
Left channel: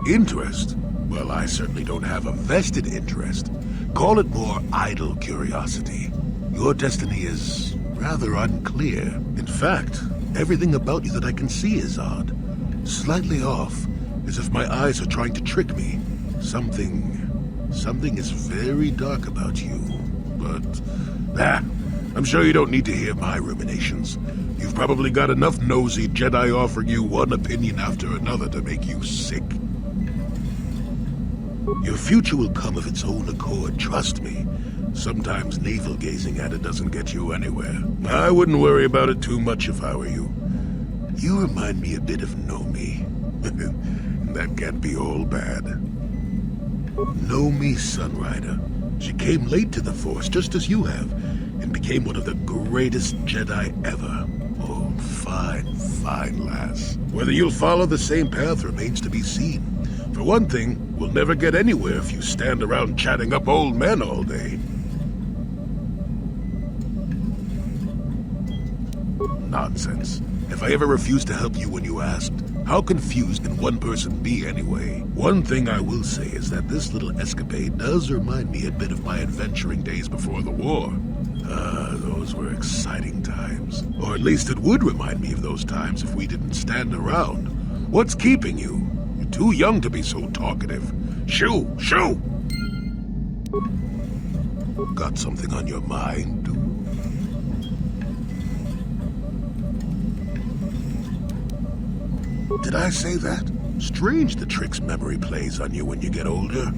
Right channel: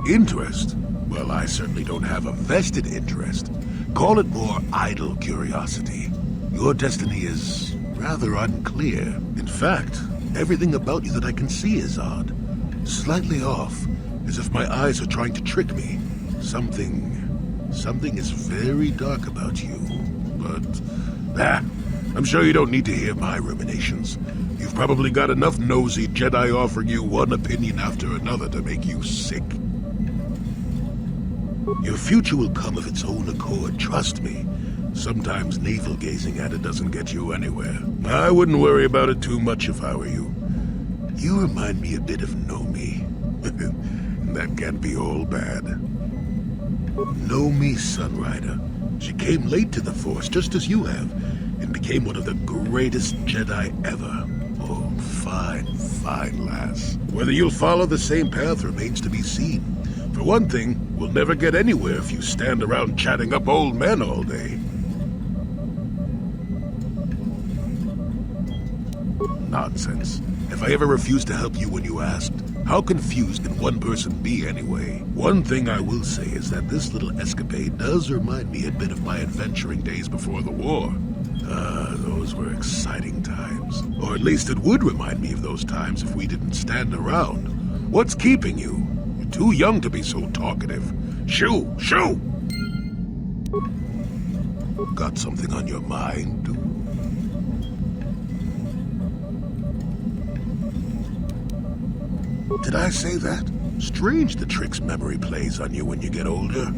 Interest? Well, I certainly don't have a vested interest. Call it more idle curiosity. Your destiny is rather unclear. In fact, everything about you that I can see is odd. Slightly off, as if my eyes are trying to trick me. Something is very dark about you. But, I'm sure you don't need to hear my ruminations. You've probably got enough nosy Jedi offering you one opinion after another to make you sick. Your future will come of its own accord, trust me. Sometimes navel-gazing at it doesn't get you anywhere. I wouldn't worry about it too much if I were you. You remind me a bit of Nomi. That can't be all bad. Nomi Sunrider. She came late to the Force, just as you have, and became one of the greatest Jedi ever. Oh, fine lass. Whether you'll follow the same path remains to be seen. For one thing, we'll never get anywhere if you stand around chatting up old men all day. Nonsense. If I ever refused to help you when you asked, how confused can one person be anyway? One thing I will say is that this little escapade does remind me a bit of my adventuring days before the war. Those were exciting times. Or at least it would remind me of those times if we didn't stand around. What's keeping you? You're too young to be so talkative. Shoo! Got something on your mind, dude? Did I say that? Strange the tricks memory plays on you when you get older.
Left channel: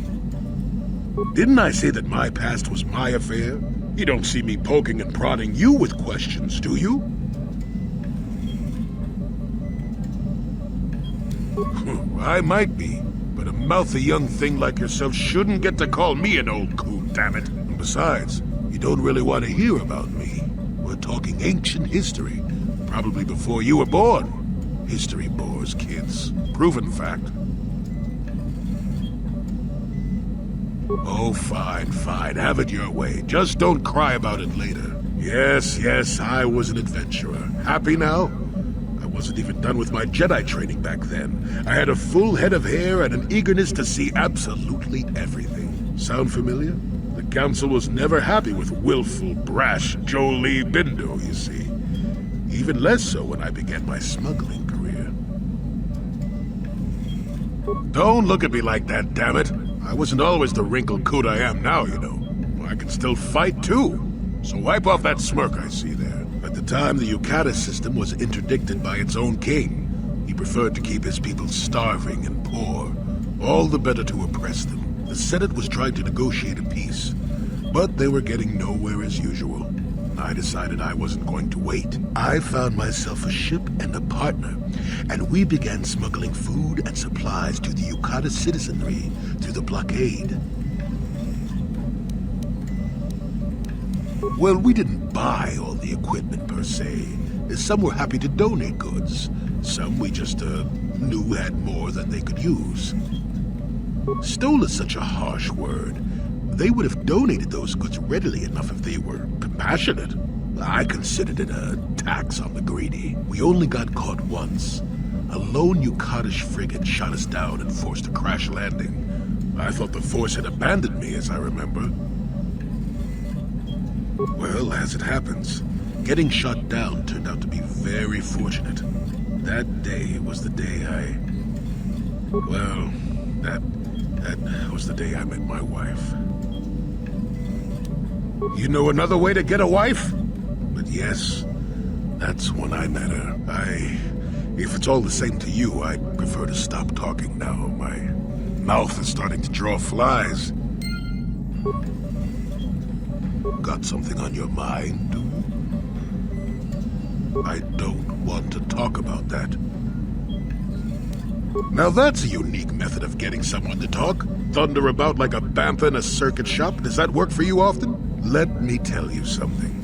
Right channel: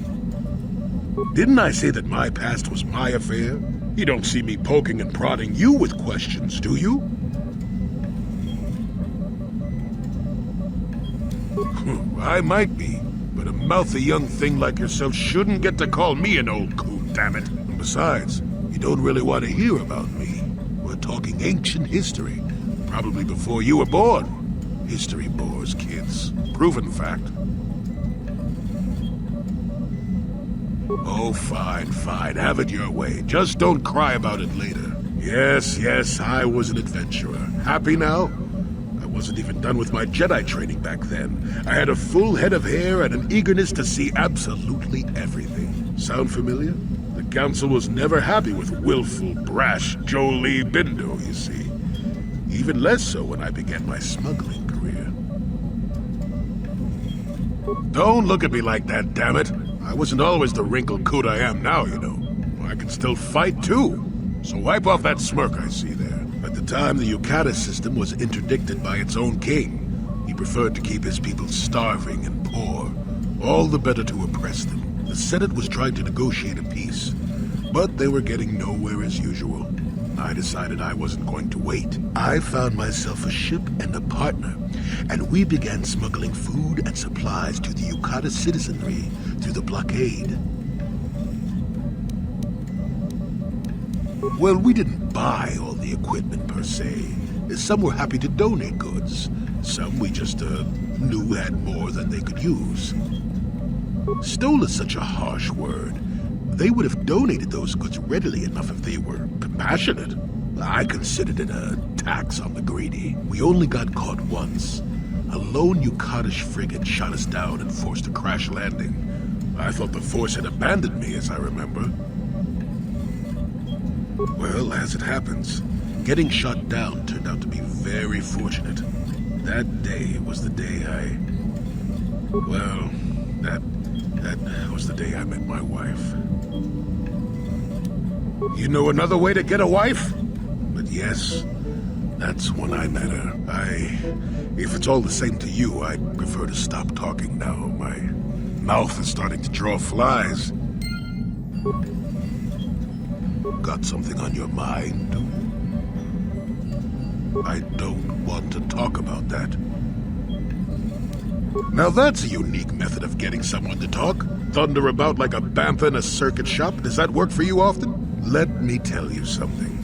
Didn't I say that my past was my affair? You don't see me poking and prodding you with questions, do you? I might be, but a mouthy young thing like yourself shouldn't get to call me an old coot, damn it. And besides, you don't really want to hear about me. We're talking ancient history, probably before you were born. History bores kids. Proven fact. Oh, fine, fine. Have it your way. Just don't cry about it later. Yes, I was an adventurer. Happy now? I wasn't even done with my Jedi training back then. I had a full head of hair and an eagerness to see absolutely everything. Sound familiar? The Council was never happy with willful, brash Jolee Bindo, you see. Even less so when I began my smuggling career. Don't look at me like that, damn it. I wasn't always the wrinkled coot I am now, you know. I can still fight, too. So wipe off that smirk I see there. At the time, the Yukata system was interdicted by its own king. He preferred to keep his people starving and poor, all the better to oppress them. The Senate was trying to negotiate a peace, but they were getting nowhere as usual. I decided I wasn't going to wait. I found myself a ship and a partner, and we began smuggling food and supplies to the Yukata citizenry through the blockade. Well, we didn't buy all the equipment per se. Some were happy to donate goods. Some we just knew had more than they could use. Stole is such a harsh word. They would have donated those goods readily enough if they were compassionate. I considered it a tax on the greedy. We only got caught once. A lone Yukatish frigate shot us down and forced a crash landing. I thought the Force had abandoned me, as I remember. Well, as it happens, getting shot down turned out to be very fortunate. That day was the day that was the day I met my wife. You know another way to get a wife? But yes, that's when I met her. If it's all the same to you, I'd prefer to stop talking now. My mouth is starting to draw flies. Got something on your mind, do you? I don't want to talk about that. Now that's a unique method of getting someone to talk. Thunder about like a bantha in a circuit shop. Does that work for you often? Let me tell you something.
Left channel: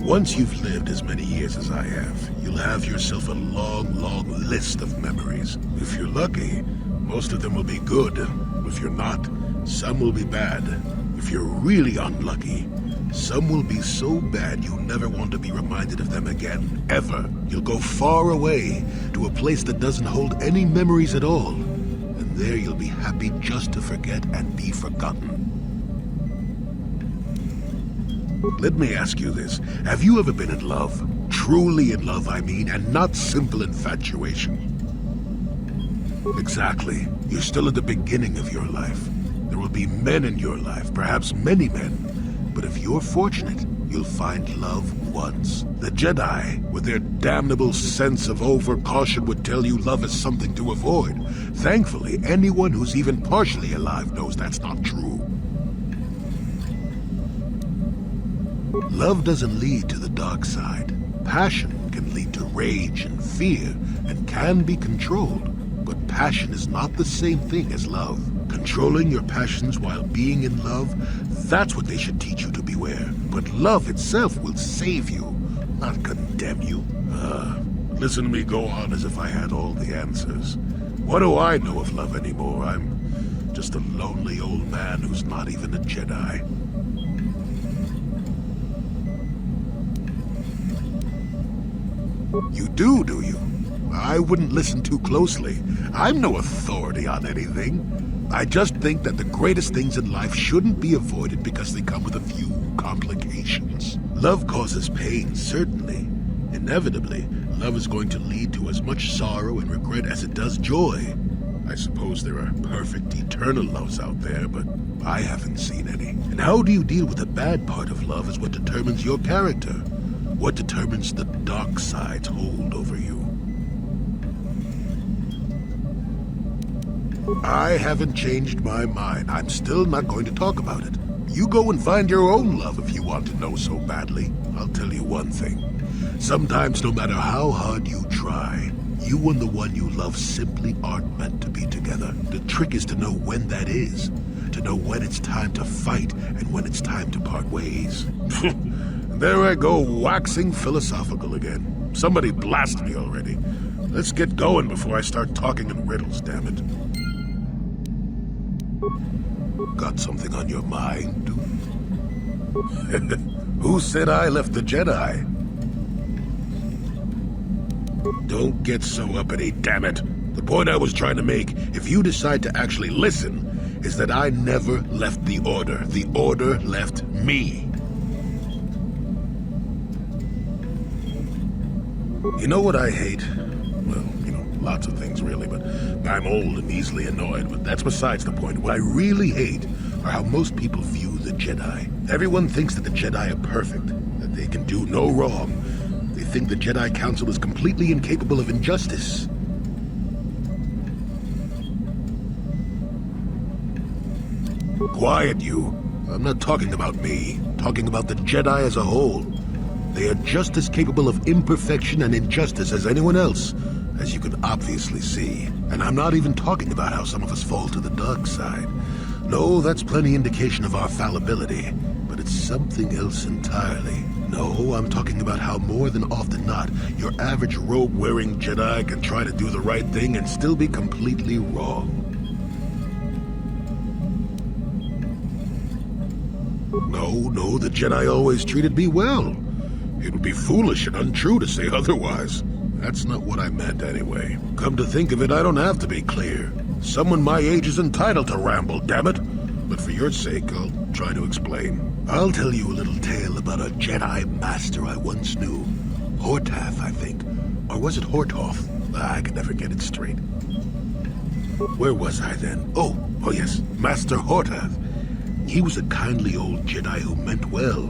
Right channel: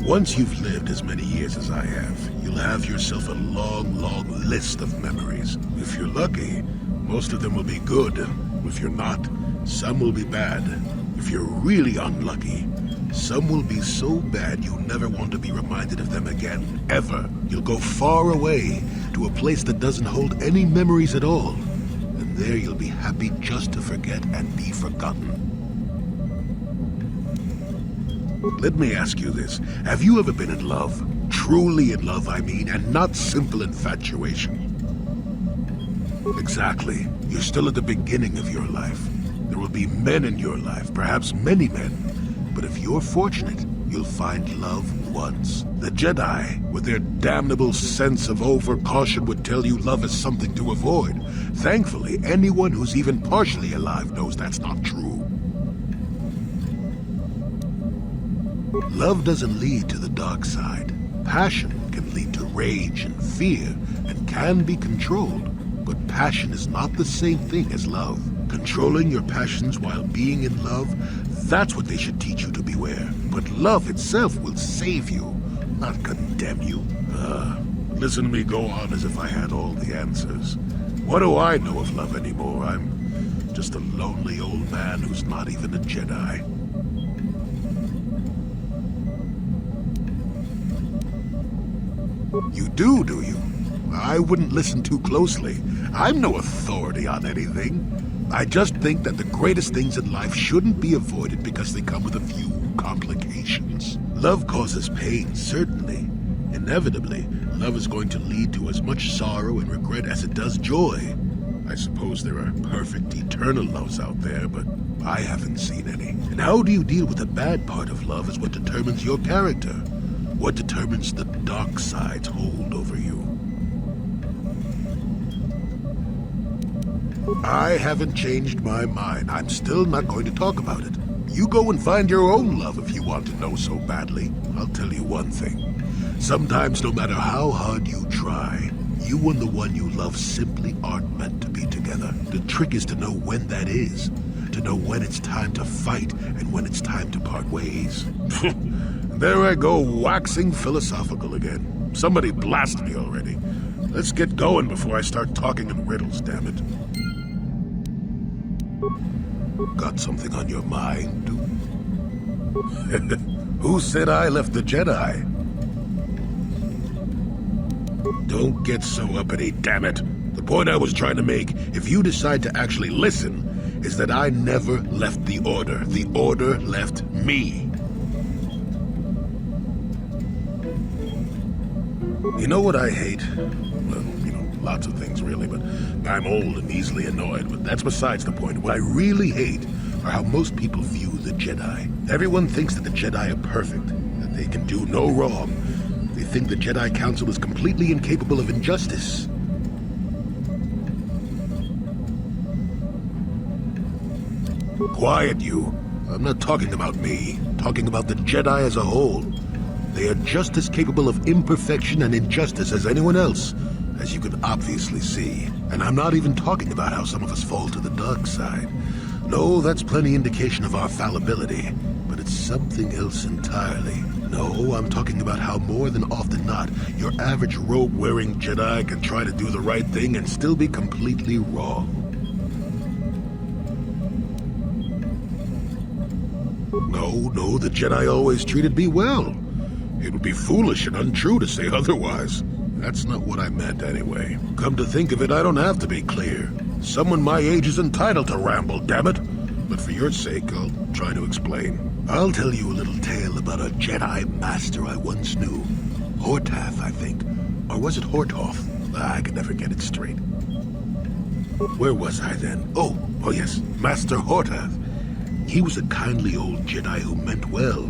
Once you've lived as many years as I have, you'll have yourself a long, long list of memories. If you're lucky, most of them will be good. If you're not, some will be bad. If you're really unlucky, some will be so bad you'll never want to be reminded of them again, ever. You'll go far away to a place that doesn't hold any memories at all. And there you'll be happy just to forget and be forgotten. Let me ask you this. Have you ever been in love? Truly in love, I mean, and not simple infatuation. Exactly. You're still at the beginning of your life. There will be men in your life, perhaps many men. But if you're fortunate, you'll find love once. The Jedi, with their damnable sense of over-caution, would tell you love is something to avoid. Thankfully, anyone who's even partially alive knows that's not true. Love doesn't lead to the dark side. Passion can lead to rage and fear, and can be controlled. But passion is not the same thing as love. Controlling your passions while being in love, that's what they should teach you to beware. But love itself will save you, not condemn you. Listen to me go on as if I had all the answers. What do I know of love anymore? I'm just a lonely old man who's not even a Jedi. You do you? I wouldn't listen too closely. I'm no authority on anything. I just think that the greatest things in life shouldn't be avoided because they come with a few complications. Love causes pain, certainly. Inevitably, love is going to lead to as much sorrow and regret as it does joy. I suppose there are perfect, eternal loves out there, but I haven't seen any. And how do you deal with the bad part of love is what determines your character. What determines the dark side's hold over you. I haven't changed my mind. I'm still not going to talk about it. You go and find your own love if you want to know so badly. I'll tell you one thing. Sometimes, no matter how hard you try, You and the one you love simply aren't meant to be together. The trick is to know when that is. To know when it's time to fight and when it's time to part ways. There I go, waxing philosophical again. Somebody blast me already. Let's get going before I start talking in riddles, damn it. Got something on your mind, dude? Who said I left the Jedi? Don't get so uppity, damn it. The point I was trying to make, if you decide to actually listen, is that I never left the Order. The Order left me. You know what I hate? Well, lots of things really, but I'm old and easily annoyed, but that's besides the point. What I really hate are how most people view the Jedi. Everyone thinks that the Jedi are perfect, that they can do no wrong. They think the Jedi Council is completely incapable of injustice. Quiet, you. I'm not talking about me. I'm talking about the Jedi as a whole. They are just as capable of imperfection and injustice as anyone else, as you can obviously see. And I'm not even talking about how some of us fall to the dark side. No, that's plenty indication of our fallibility, but it's something else entirely. No, I'm talking about how more than often not, your average robe-wearing Jedi can try to do the right thing and still be completely wrong. No, the Jedi always treated me well. It would be foolish and untrue to say otherwise. That's not what I meant anyway. Come to think of it, I don't have to be clear. Someone my age is entitled to ramble, damn it. But for your sake, I'll try to explain. I'll tell you a little tale about a Jedi master I once knew. Hortath, I think. Or was it Hortoth? I can never get it straight. Where was I then? Oh yes, Master Hortath. He was a kindly old Jedi who meant well,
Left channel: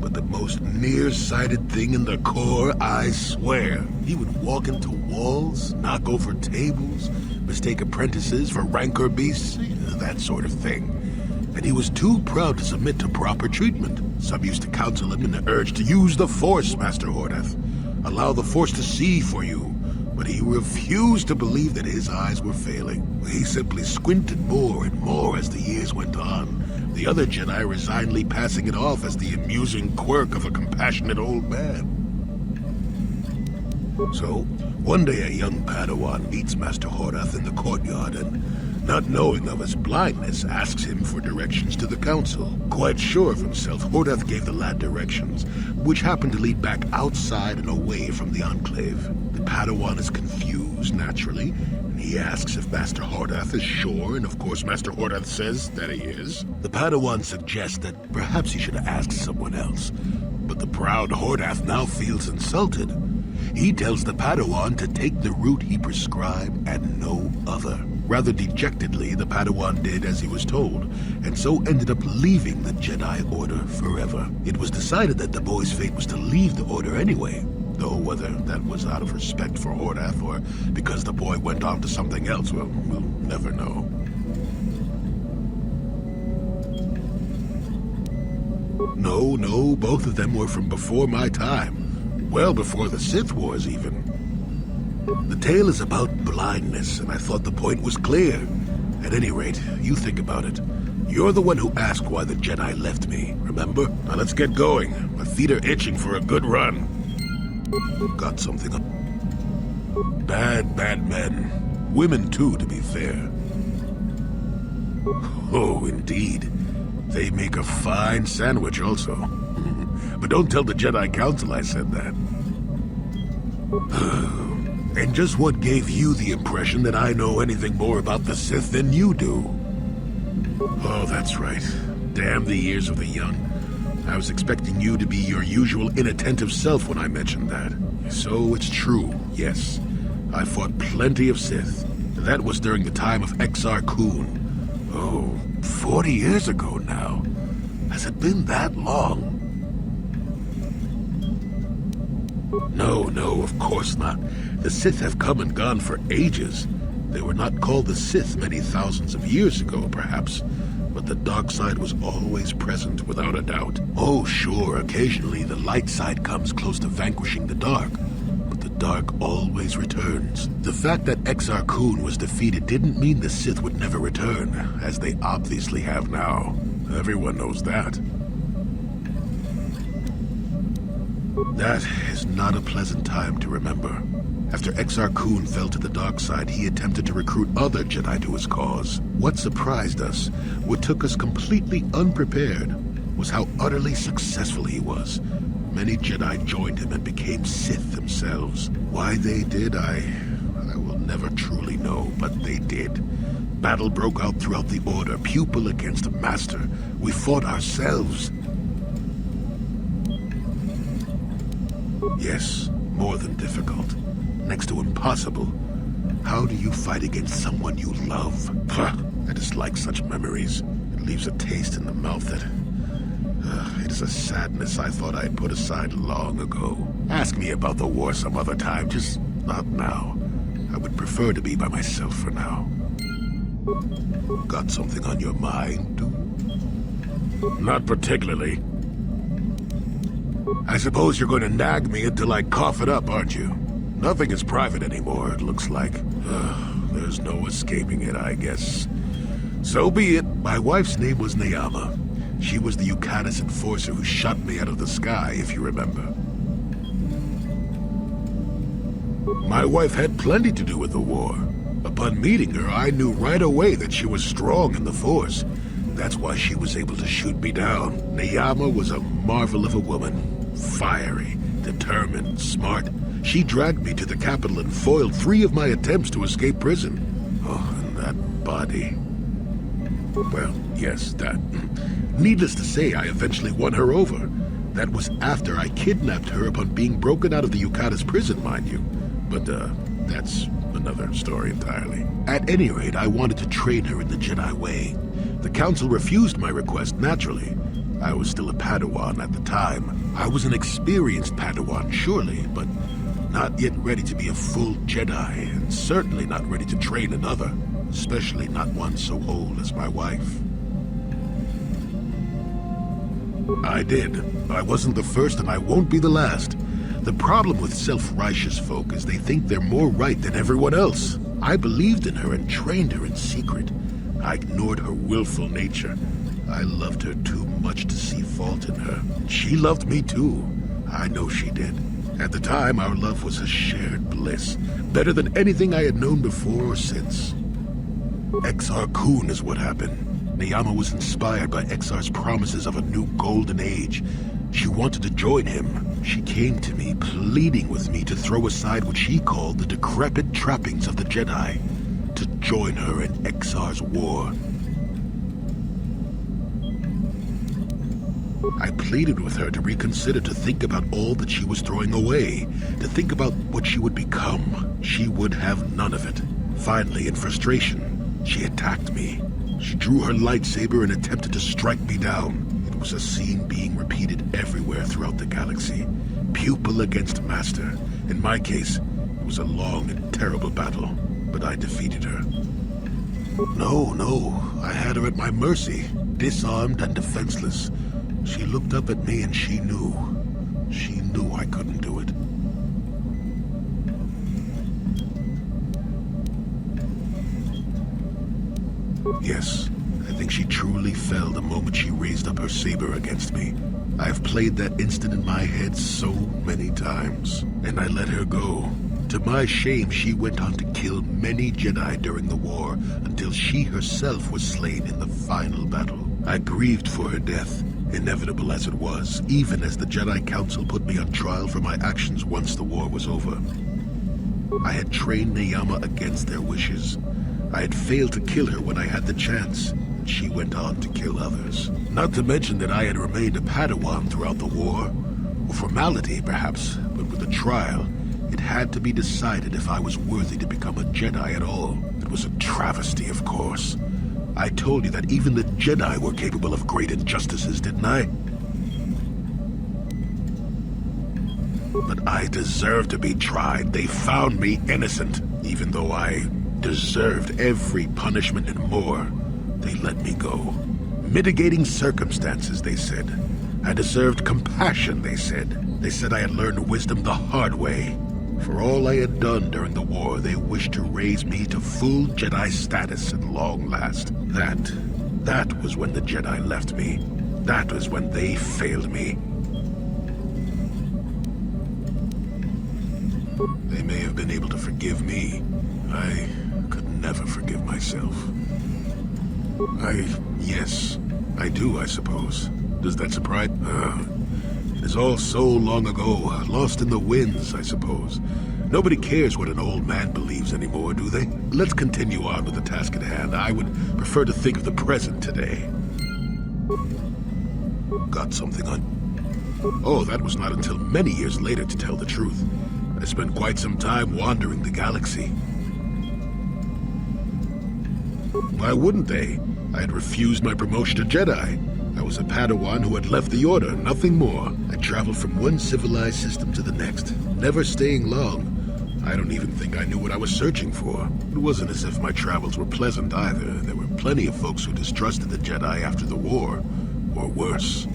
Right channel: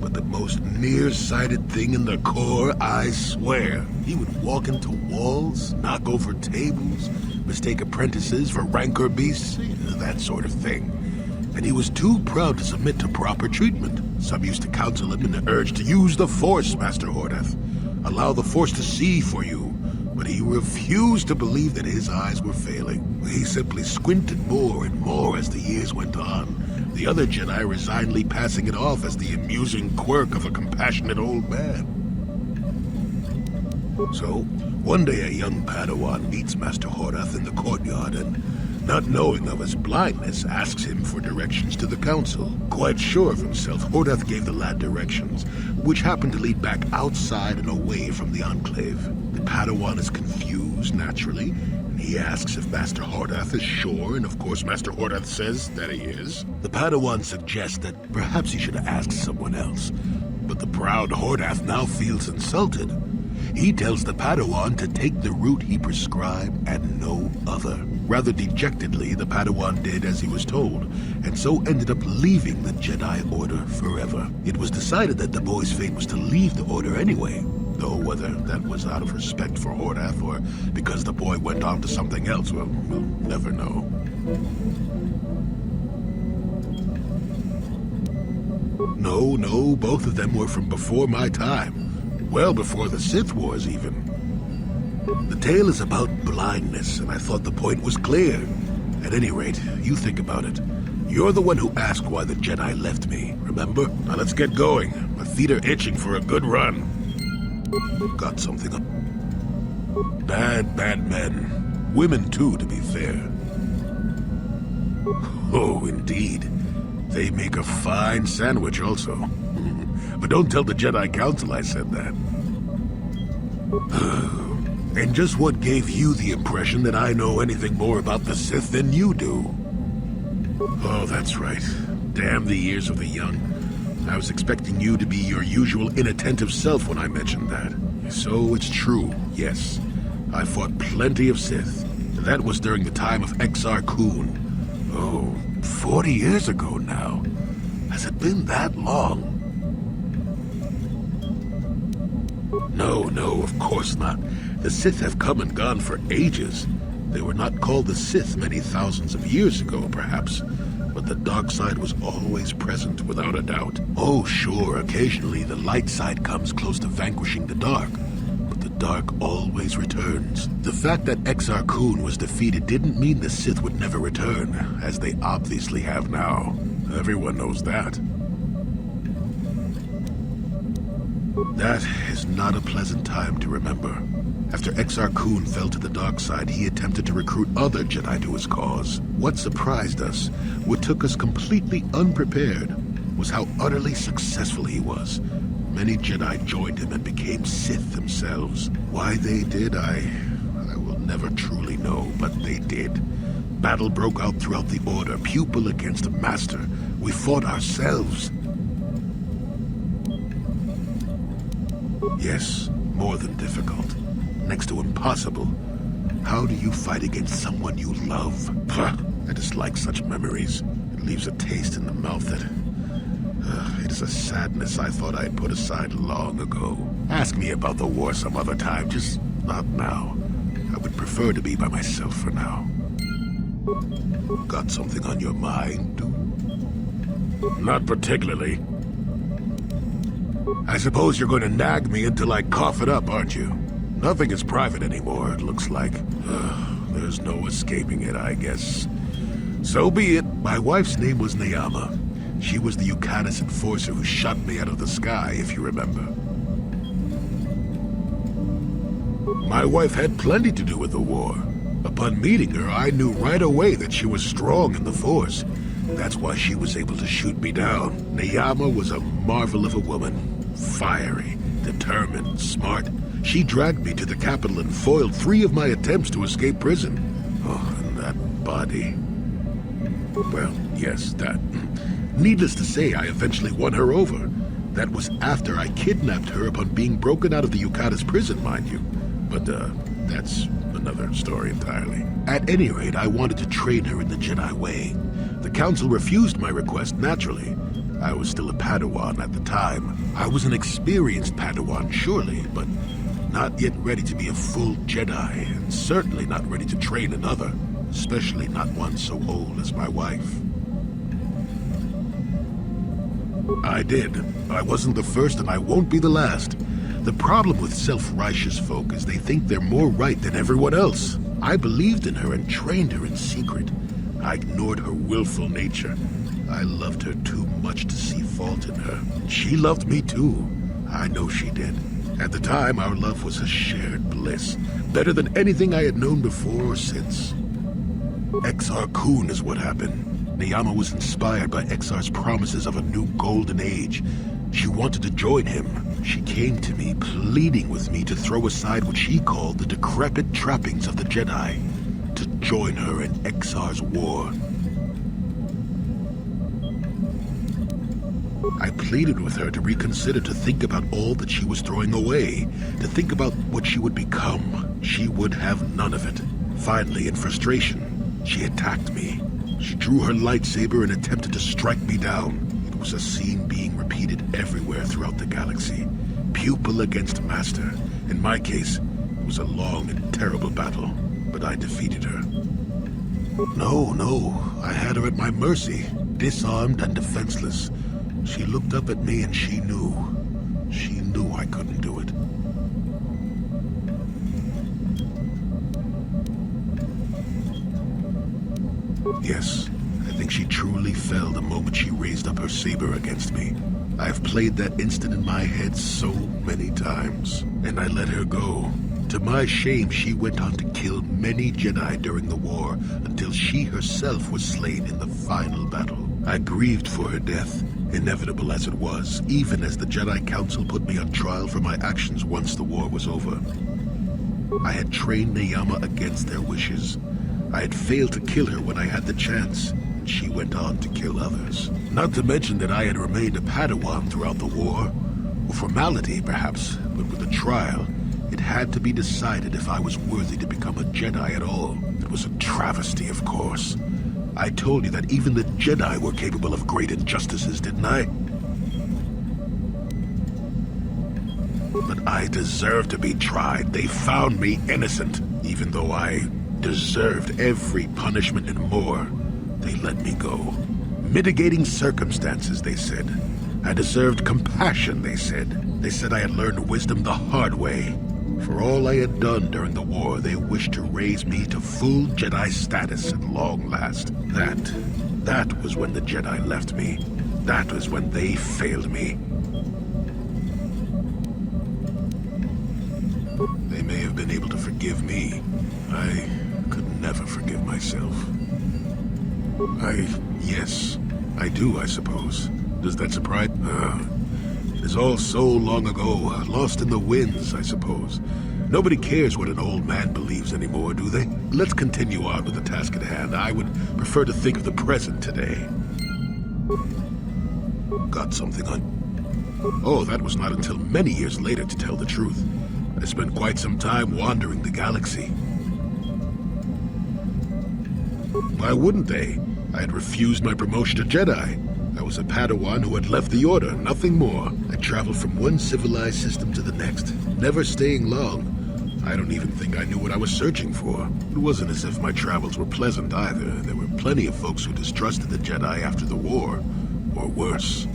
but the most nearsighted thing in the Corps, I swear. He would walk into walls, knock over tables, mistake apprentices for rancor beasts, that sort of thing. And he was too proud to submit to proper treatment. Some used to counsel him in the urge to use the Force, Master Hortath. Allow the Force to see for you. But he refused to believe that his eyes were failing. He simply squinted more and more as the years went on. The other Jedi resignedly passing it off as the amusing quirk of a compassionate old man. So, one day a young Padawan meets Master Hortath in the courtyard and, not knowing of his blindness, asks him for directions to the council. Quite sure of himself, Hortath gave the lad directions, which happened to lead back outside and away from the Enclave. The Padawan is confused, naturally, and he asks if Master Hortath is sure, and of course Master Hortath says that he is. The Padawan suggests that perhaps he should ask someone else, but the proud Hortath now feels insulted. He tells the Padawan to take the route he prescribed and no other. Rather dejectedly, the Padawan did as he was told, and so ended up leaving the Jedi Order forever. It was decided that the boy's fate was to leave the Order anyway, though whether that was out of respect for Hortath or because the boy went on to something else, well, we'll never know. No, both of them were from before my time. Well before the Sith Wars, even. The tale is about blindness, and I thought the point was clear. At any rate, you think about it. You're the one who asked why the Jedi left me, remember? Now let's get going. My feet are itching for a good run. Got something up. Bad men. Women, too, to be fair. Oh, indeed. They make a fine sandwich, also. But don't tell the Jedi Council I said that. And just what gave you the impression that I know anything more about the Sith than you do? Oh, that's right. Damn the ears of the young. I was expecting you to be your usual inattentive self when I mentioned that. So it's true, yes. I fought plenty of Sith. That was during the time of Exar Kun. Oh, 40 years ago now. Has it been that long? No, of course not. The Sith have come and gone for ages. They were not called the Sith many thousands of years ago, perhaps. But the dark side was always present, without a doubt. Oh, sure, occasionally the light side comes close to vanquishing the dark. But the dark always returns. The fact that Exar Kun was defeated didn't mean the Sith would never return, as they obviously have now. Everyone knows that. That is not a pleasant time to remember. After Exar Kun fell to the dark side, he attempted to recruit other Jedi to his cause. What surprised us, what took us completely unprepared, was how utterly successful he was. Many Jedi joined him and became Sith themselves. Why they did, I will never truly know, but they did. Battle broke out throughout the Order, pupil against master. We fought ourselves. Yes, more than difficult. Next to impossible. How do you fight against someone you love? I dislike such memories. It leaves a taste in the mouth that... it is a sadness I thought I had put aside long ago. Ask me about the war some other time, just not now. I would prefer to be by myself for now. Got something on your mind, dude? Not particularly. I suppose you're going to nag me until I cough it up, aren't you? Nothing is private anymore, it looks like. There's no escaping it, I guess. So be it. My wife's name was Neyama. She was the Yukatis enforcer who shot me out of the sky, if you remember. My wife had plenty to do with the war. Upon meeting her, I knew right away that she was strong in the Force. That's why she was able to shoot me down. Neyama was a marvel of a woman. Fiery, determined, smart. She dragged me to the capital and foiled 3 of my attempts to escape prison. Oh, and that body. Well, yes, that. Needless to say, I eventually won her over. That was after I kidnapped her upon being broken out of the Yukatis prison, mind you. But, that's another story entirely. At any rate, I wanted to train her in the Jedi way. The Council refused my request, naturally. I was still a Padawan at the time. I was an experienced Padawan, surely, but not yet ready to be a full Jedi, and certainly not ready to train another, especially not one so old as my wife. I did. I wasn't the first, and I won't be the last. The problem with self-righteous folk is they think they're more right than everyone else. I believed in her and trained her in secret. I ignored her willful nature. I loved her too much to see fault in her. She loved me too. I know she did. At the time, our love was a shared bliss. Better than anything I had known before or since. Exar Kun is what happened. Neyama was inspired by Exar's promises of a new golden age. She wanted to join him. She came to me, pleading with me to throw aside what she called the decrepit trappings of the Jedi, to join her in Exar's war. I pleaded with her to reconsider, to think about all that she was throwing away, to think about what she would become. She would have none of it. Finally, in frustration, she attacked me. She drew her lightsaber and attempted to strike me down. It was a scene being repeated everywhere throughout the galaxy. Pupil against master. In my case, it was a long and terrible battle, but I defeated her. No, I had her at my mercy, disarmed and defenseless. She looked up at me and she knew I couldn't do it. Yes, I think she truly fell the moment she raised up her saber against me. I've played that instant in my head so many times, and I let her go. To my shame, she went on to kill many Jedi during the war, until she herself was slain in the final battle. I grieved for her death, inevitable as it was, even as the Jedi Council put me on trial for my actions once the war was over. I had trained Neyama against their wishes. I had failed to kill her when I had the chance, and she went on to kill others. Not to mention that I had remained a Padawan throughout the war. Or formality, perhaps, but with a trial, it had to be decided if I was worthy to become a Jedi at all. It was a travesty, of course. I told you that even the Jedi were capable of great injustices, didn't I? But I deserved to be tried. They found me innocent, even though I deserved every punishment and more. They let me go. Mitigating circumstances, they said. I deserved compassion, they said. They said I had learned wisdom the hard way. For all I had done during the war, they wished to raise me to full Jedi status at long last. That was when the Jedi left me. That was when they failed me. They may have been able to forgive me. I could never forgive myself. Yes, I do, I suppose. Does that surprise? It is all so long ago, lost in the winds, I suppose. Nobody cares what an old man believes anymore, do they? Let's continue on with the task at hand. I would prefer to think of the present today. Got something on... Oh, that was not until many years later, to tell the truth. I spent quite some time wandering the galaxy. Why wouldn't they? I had refused my promotion to Jedi. I was a Padawan who had left the Order, nothing more. I traveled from one civilized system to the next, never staying long. I don't even think I knew what I was searching for. It wasn't as if my travels were pleasant either. There were plenty of folks who distrusted the Jedi after the war, or worse.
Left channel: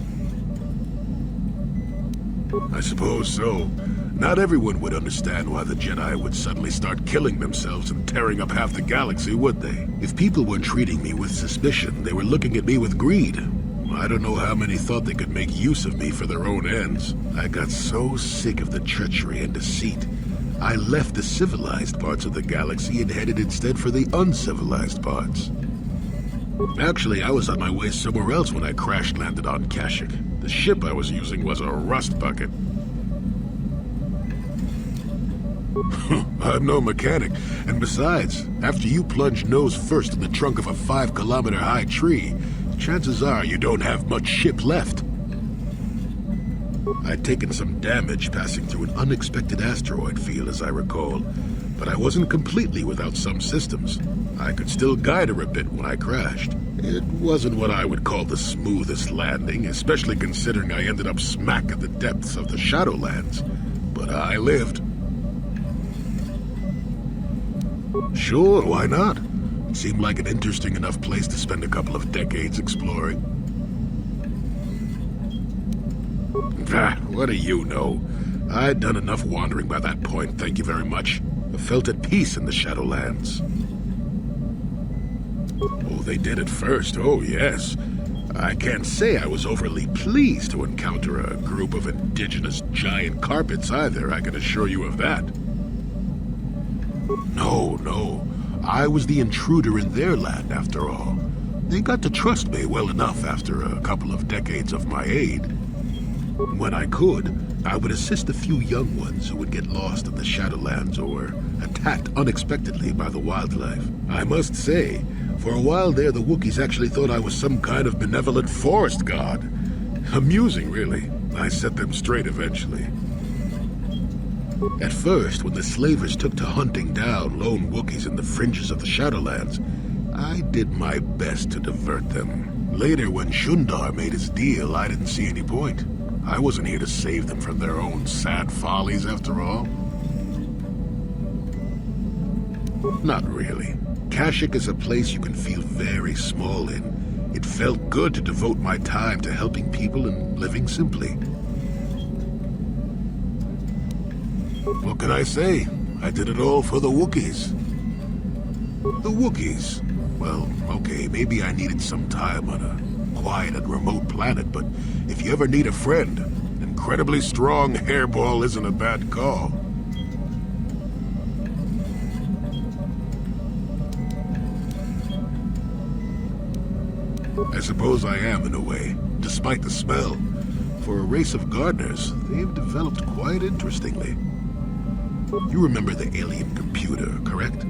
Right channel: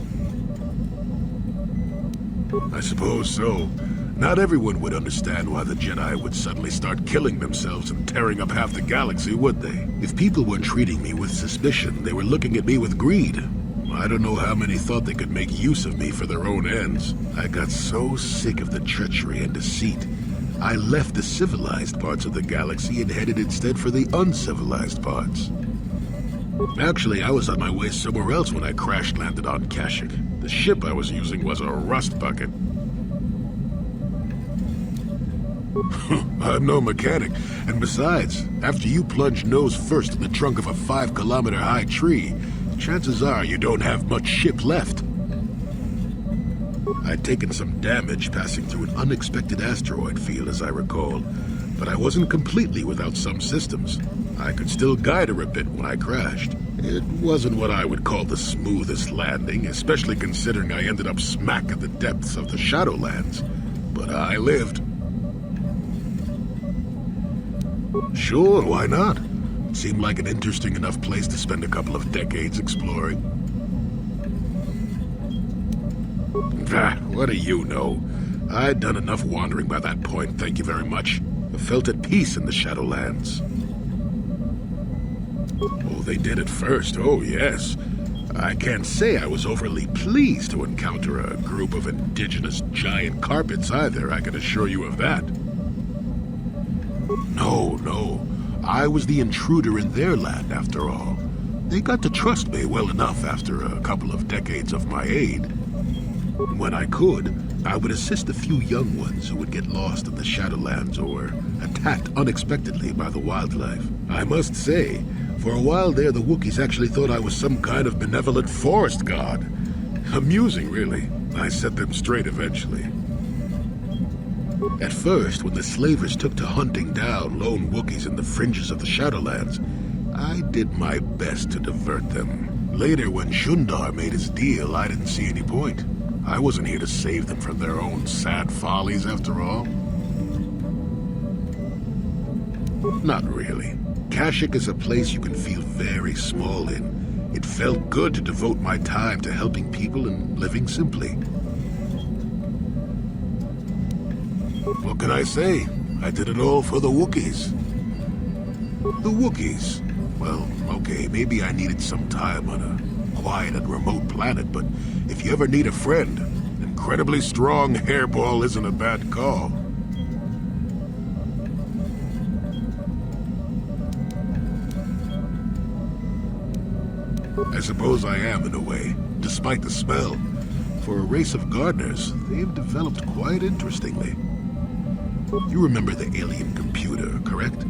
I suppose so. Not everyone would understand why the Jedi would suddenly start killing themselves and tearing up half the galaxy, would they? If people weren't treating me with suspicion, they were looking at me with greed. I don't know how many thought they could make use of me for their own ends. I got so sick of the treachery and deceit. I left the civilized parts of the galaxy and headed instead for the uncivilized parts. Actually, I was on my way somewhere else when I crash-landed on Kashyyyk. The ship I was using was a rust bucket. I'm no mechanic, and besides, after you plunge nose first in the trunk of a 5-kilometer-high tree, chances are you don't have much ship left. I'd taken some damage passing through an unexpected asteroid field, as I recall, but I wasn't completely without some systems. I could still guide her a bit when I crashed. It wasn't what I would call the smoothest landing, especially considering I ended up smack at the depths of the Shadowlands. But I lived. Sure, why not? It seemed like an interesting enough place to spend a couple of decades exploring. What do you know? I'd done enough wandering by that point, thank you very much. I felt at peace in the Shadowlands. Oh, they did at first, oh yes. I can't say I was overly pleased to encounter a group of indigenous giant carpets either, I can assure you of that. No. I was the intruder in their land, after all. They got to trust me well enough after a couple of decades of my aid. When I could, I would assist a few young ones who would get lost in the Shadowlands or attacked unexpectedly by the wildlife. I must say, for a while there, the Wookiees actually thought I was some kind of benevolent forest god. Amusing, really. I set them straight eventually. At first, when the slavers took to hunting down lone Wookiees in the fringes of the Shadowlands, I did my best to divert them. Later, when Shundar made his deal, I didn't see any point. I wasn't here to save them from their own sad follies, after all. Not really. Kashyyyk is a place you can feel very small in. It felt good to devote my time to helping people and living simply. What can I say? I did it all for the Wookiees. The Wookiees? Well, okay, maybe I needed some time on a quiet and remote planet, but if you ever need a friend, an incredibly strong hairball isn't a bad call. I suppose I am, in a way, despite the smell. For a race of gardeners, they've developed quite interestingly. You remember the alien computer, correct?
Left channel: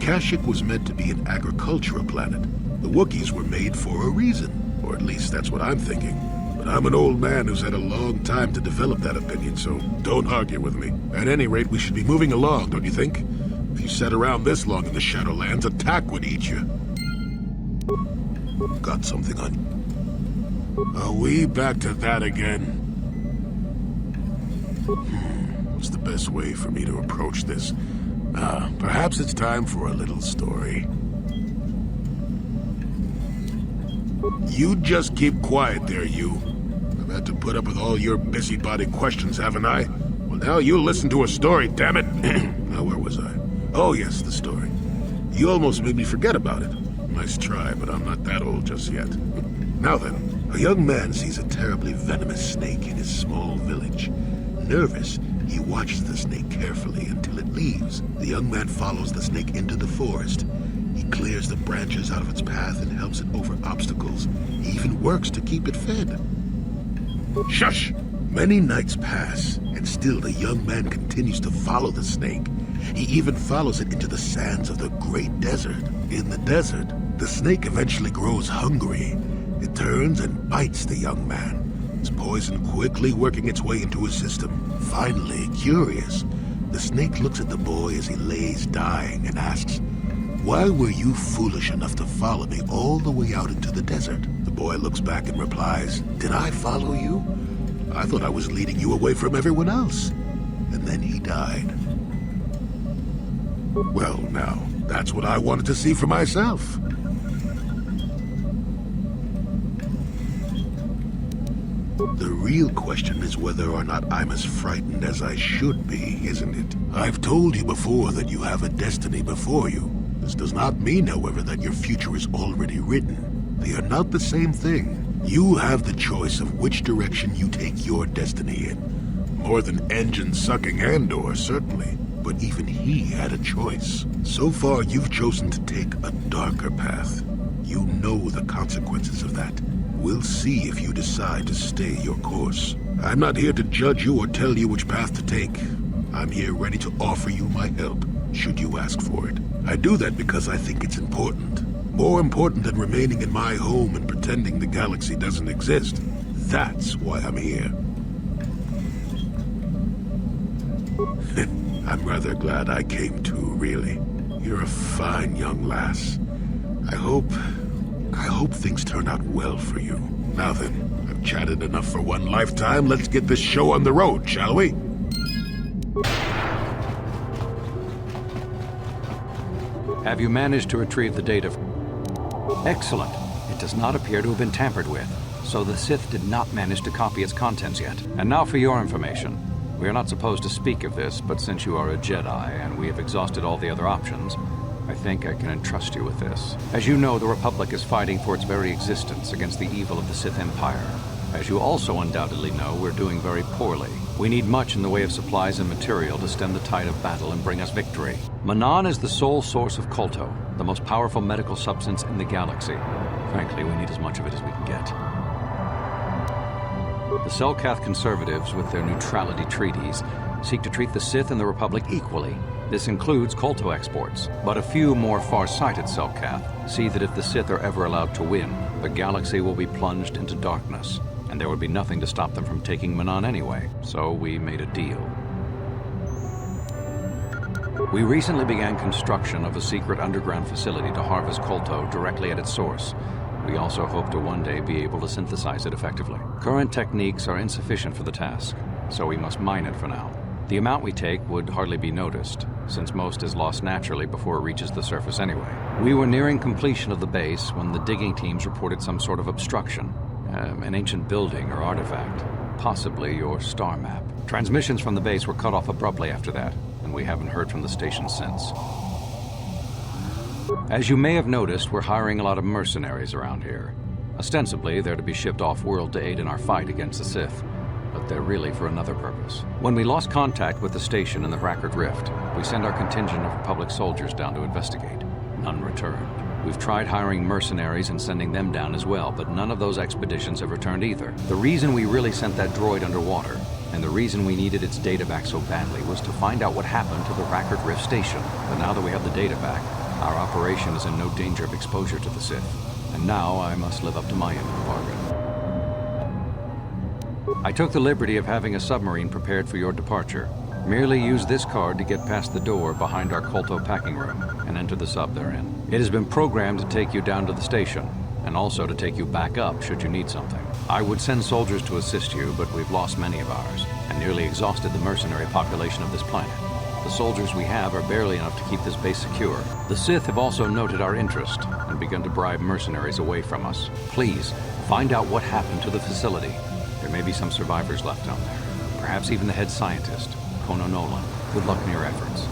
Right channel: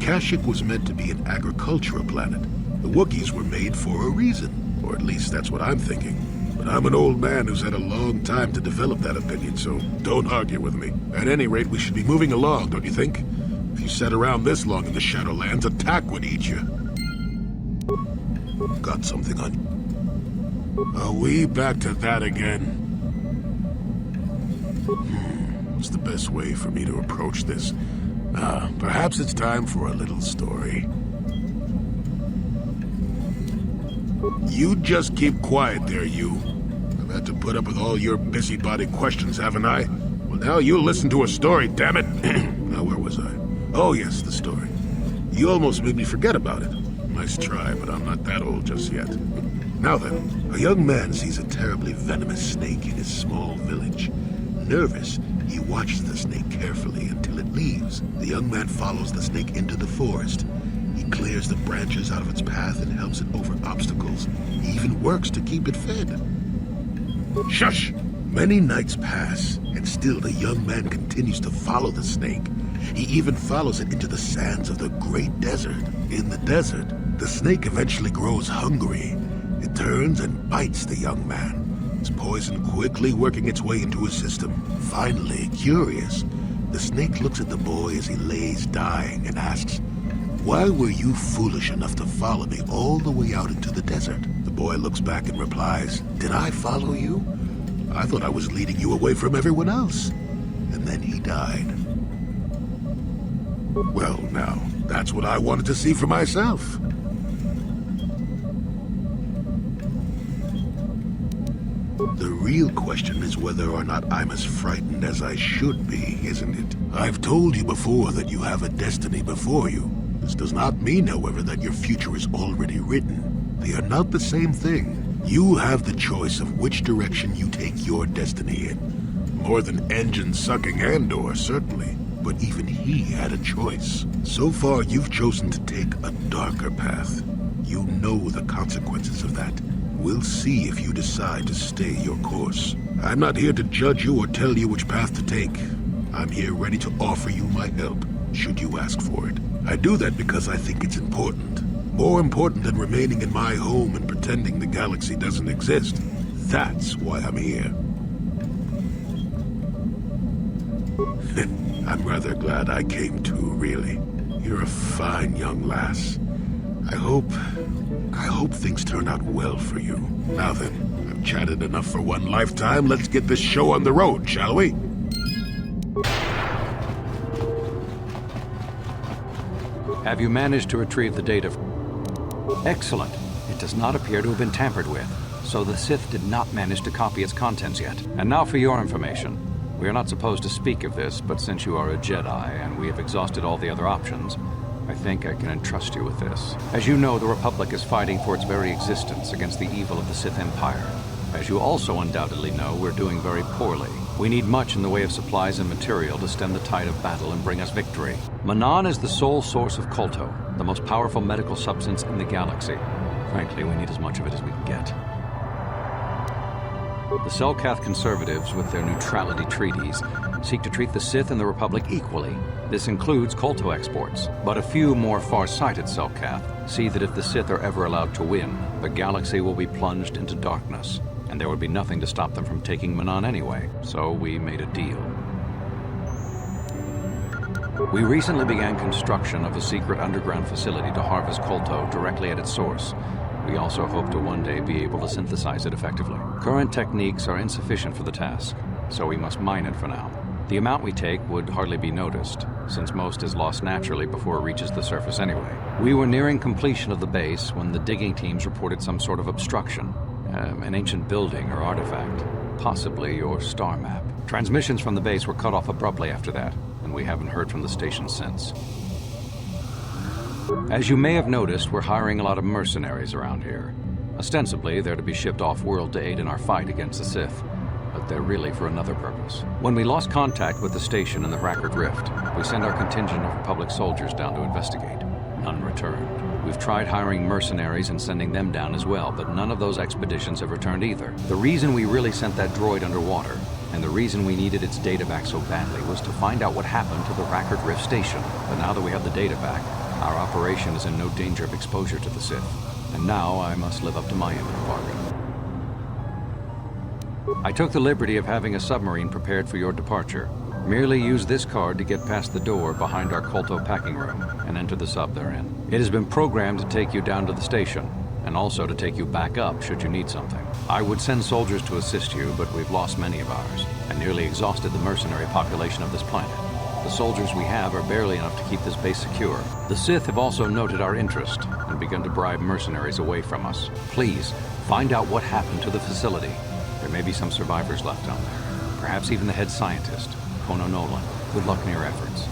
Kashyyyk was meant to be an agricultural planet. The Wookiees were made for a reason, or at least that's what I'm thinking. But I'm an old man who's had a long time to develop that opinion, so don't argue with me. At any rate, we should be moving along, don't you think? If you sat around this long in the Shadowlands, attack would eat you. Got something on you. Are we back to that again? What's the best way for me to approach this? Perhaps it's time for a little story. You just keep quiet there, you. I've had to put up with all your busybody questions, haven't I? Well, now you'll listen to a story, damn it. Now, where was I? Oh, yes, the story. You almost made me forget about it. Nice try, but I'm not that old just yet. Now then, a young man sees a terribly venomous snake in his small village. Nervous, he watches the snake carefully until it leaves. The young man follows the snake into the forest. He clears the branches out of its path and helps it over obstacles. He even works to keep it fed. Shush! Many nights pass, and still the young man continues to follow the snake. He even follows it into the sands of the great desert. In the desert, the snake eventually grows hungry. It turns and bites the young man. Its poison quickly working its way into his system. Finally, curious, the snake looks at the boy as he lays dying and asks, "Why were you foolish enough to follow me all the way out into the desert?" The boy looks back and replies, "Did I follow you? I thought I was leading you away from everyone else." And then he died. Well, now, that's what I wanted to see for myself. The real question is whether or not I'm as frightened as I should be, isn't it? I've told you before that you have a destiny before you. This does not mean, however, that your future is already written. They are not the same thing. You have the choice of which direction you take your destiny in. More than engine-sucking Andor, certainly. But even he had a choice. So far, you've chosen to take a darker path. You know the consequences of that. We'll see if you decide to stay your course. I'm not here to judge you or tell you which path to take. I'm here ready to offer you my help, should you ask for it. I do that because I think it's important. More important than remaining in my home and pretending the galaxy doesn't exist. That's why I'm here. I'm rather glad I came too, really. You're a fine young lass. I hope things turn out well for you. Now then, I've chatted enough for one lifetime. Let's get this show on the road, shall we? Have you managed to retrieve the data? Excellent. It does not appear to have been tampered with, so the Sith did not manage to copy its contents yet. And now for your information. We are not supposed to speak of this, but since you are a Jedi and we have exhausted all the other options, I think I can entrust you with this. As you know, the Republic is fighting for its very existence against the evil of the Sith Empire. As you also undoubtedly know, we're doing very poorly. We need much in the way of supplies and material to stem the tide of battle and bring us victory. Manaan is the sole source of KOTOR, the most powerful medical substance in the galaxy. Frankly, we need as much of it as we can get. The Selkath conservatives, with their neutrality treaties, seek to treat the Sith and the Republic equally. This includes Kolto exports, but a few more far-sighted Selkath see that if the Sith are ever allowed to win, the galaxy will be plunged into darkness, and there would be nothing to stop them from taking Manaan anyway, so we made a deal. We recently began construction of a secret underground facility to harvest Kolto directly at its source. We also hope to one day be able to synthesize it effectively. Current techniques are insufficient for the task, so we must mine it for now. The amount we take would hardly be noticed, since most is lost naturally before it reaches the surface anyway. We were nearing completion of the base when the digging teams reported some sort of obstruction. An ancient building or artifact, possibly your star map. Transmissions from the base were cut off abruptly after that, and we haven't heard from the station since. As you may have noticed, we're hiring a lot of mercenaries around here. Ostensibly, they're to be shipped off-world to aid in our fight against the Sith, but they're really for another purpose. When we lost contact with the station in the Rackard Rift, we sent our contingent of Republic soldiers down to investigate. None returned. We've tried hiring mercenaries and sending them down as well, but none of those expeditions have returned either. The reason we really sent that droid underwater, and the reason we needed its data back so badly, was to find out what happened to the Rackard Rift station. But now that we have the data back, our operation is in no danger of exposure to the Sith. And now I must live up to my end of the bargain. I took the liberty of having a submarine prepared for your departure. Merely use this card to get past the door behind our Kolto packing room and enter the sub they're in. It has been programmed to take you down to the station, and also to take you back up should you need something. I would send soldiers to assist you, but we've lost many of ours, and nearly exhausted the mercenary population of this planet. The soldiers we have are barely enough to keep this base secure. The Sith have also noted our interest and begun to bribe mercenaries away from us. Please, find out what happened to the facility. There may be some survivors left down there. perhaps even the head scientist, Kono Nolan. Good luck in your efforts.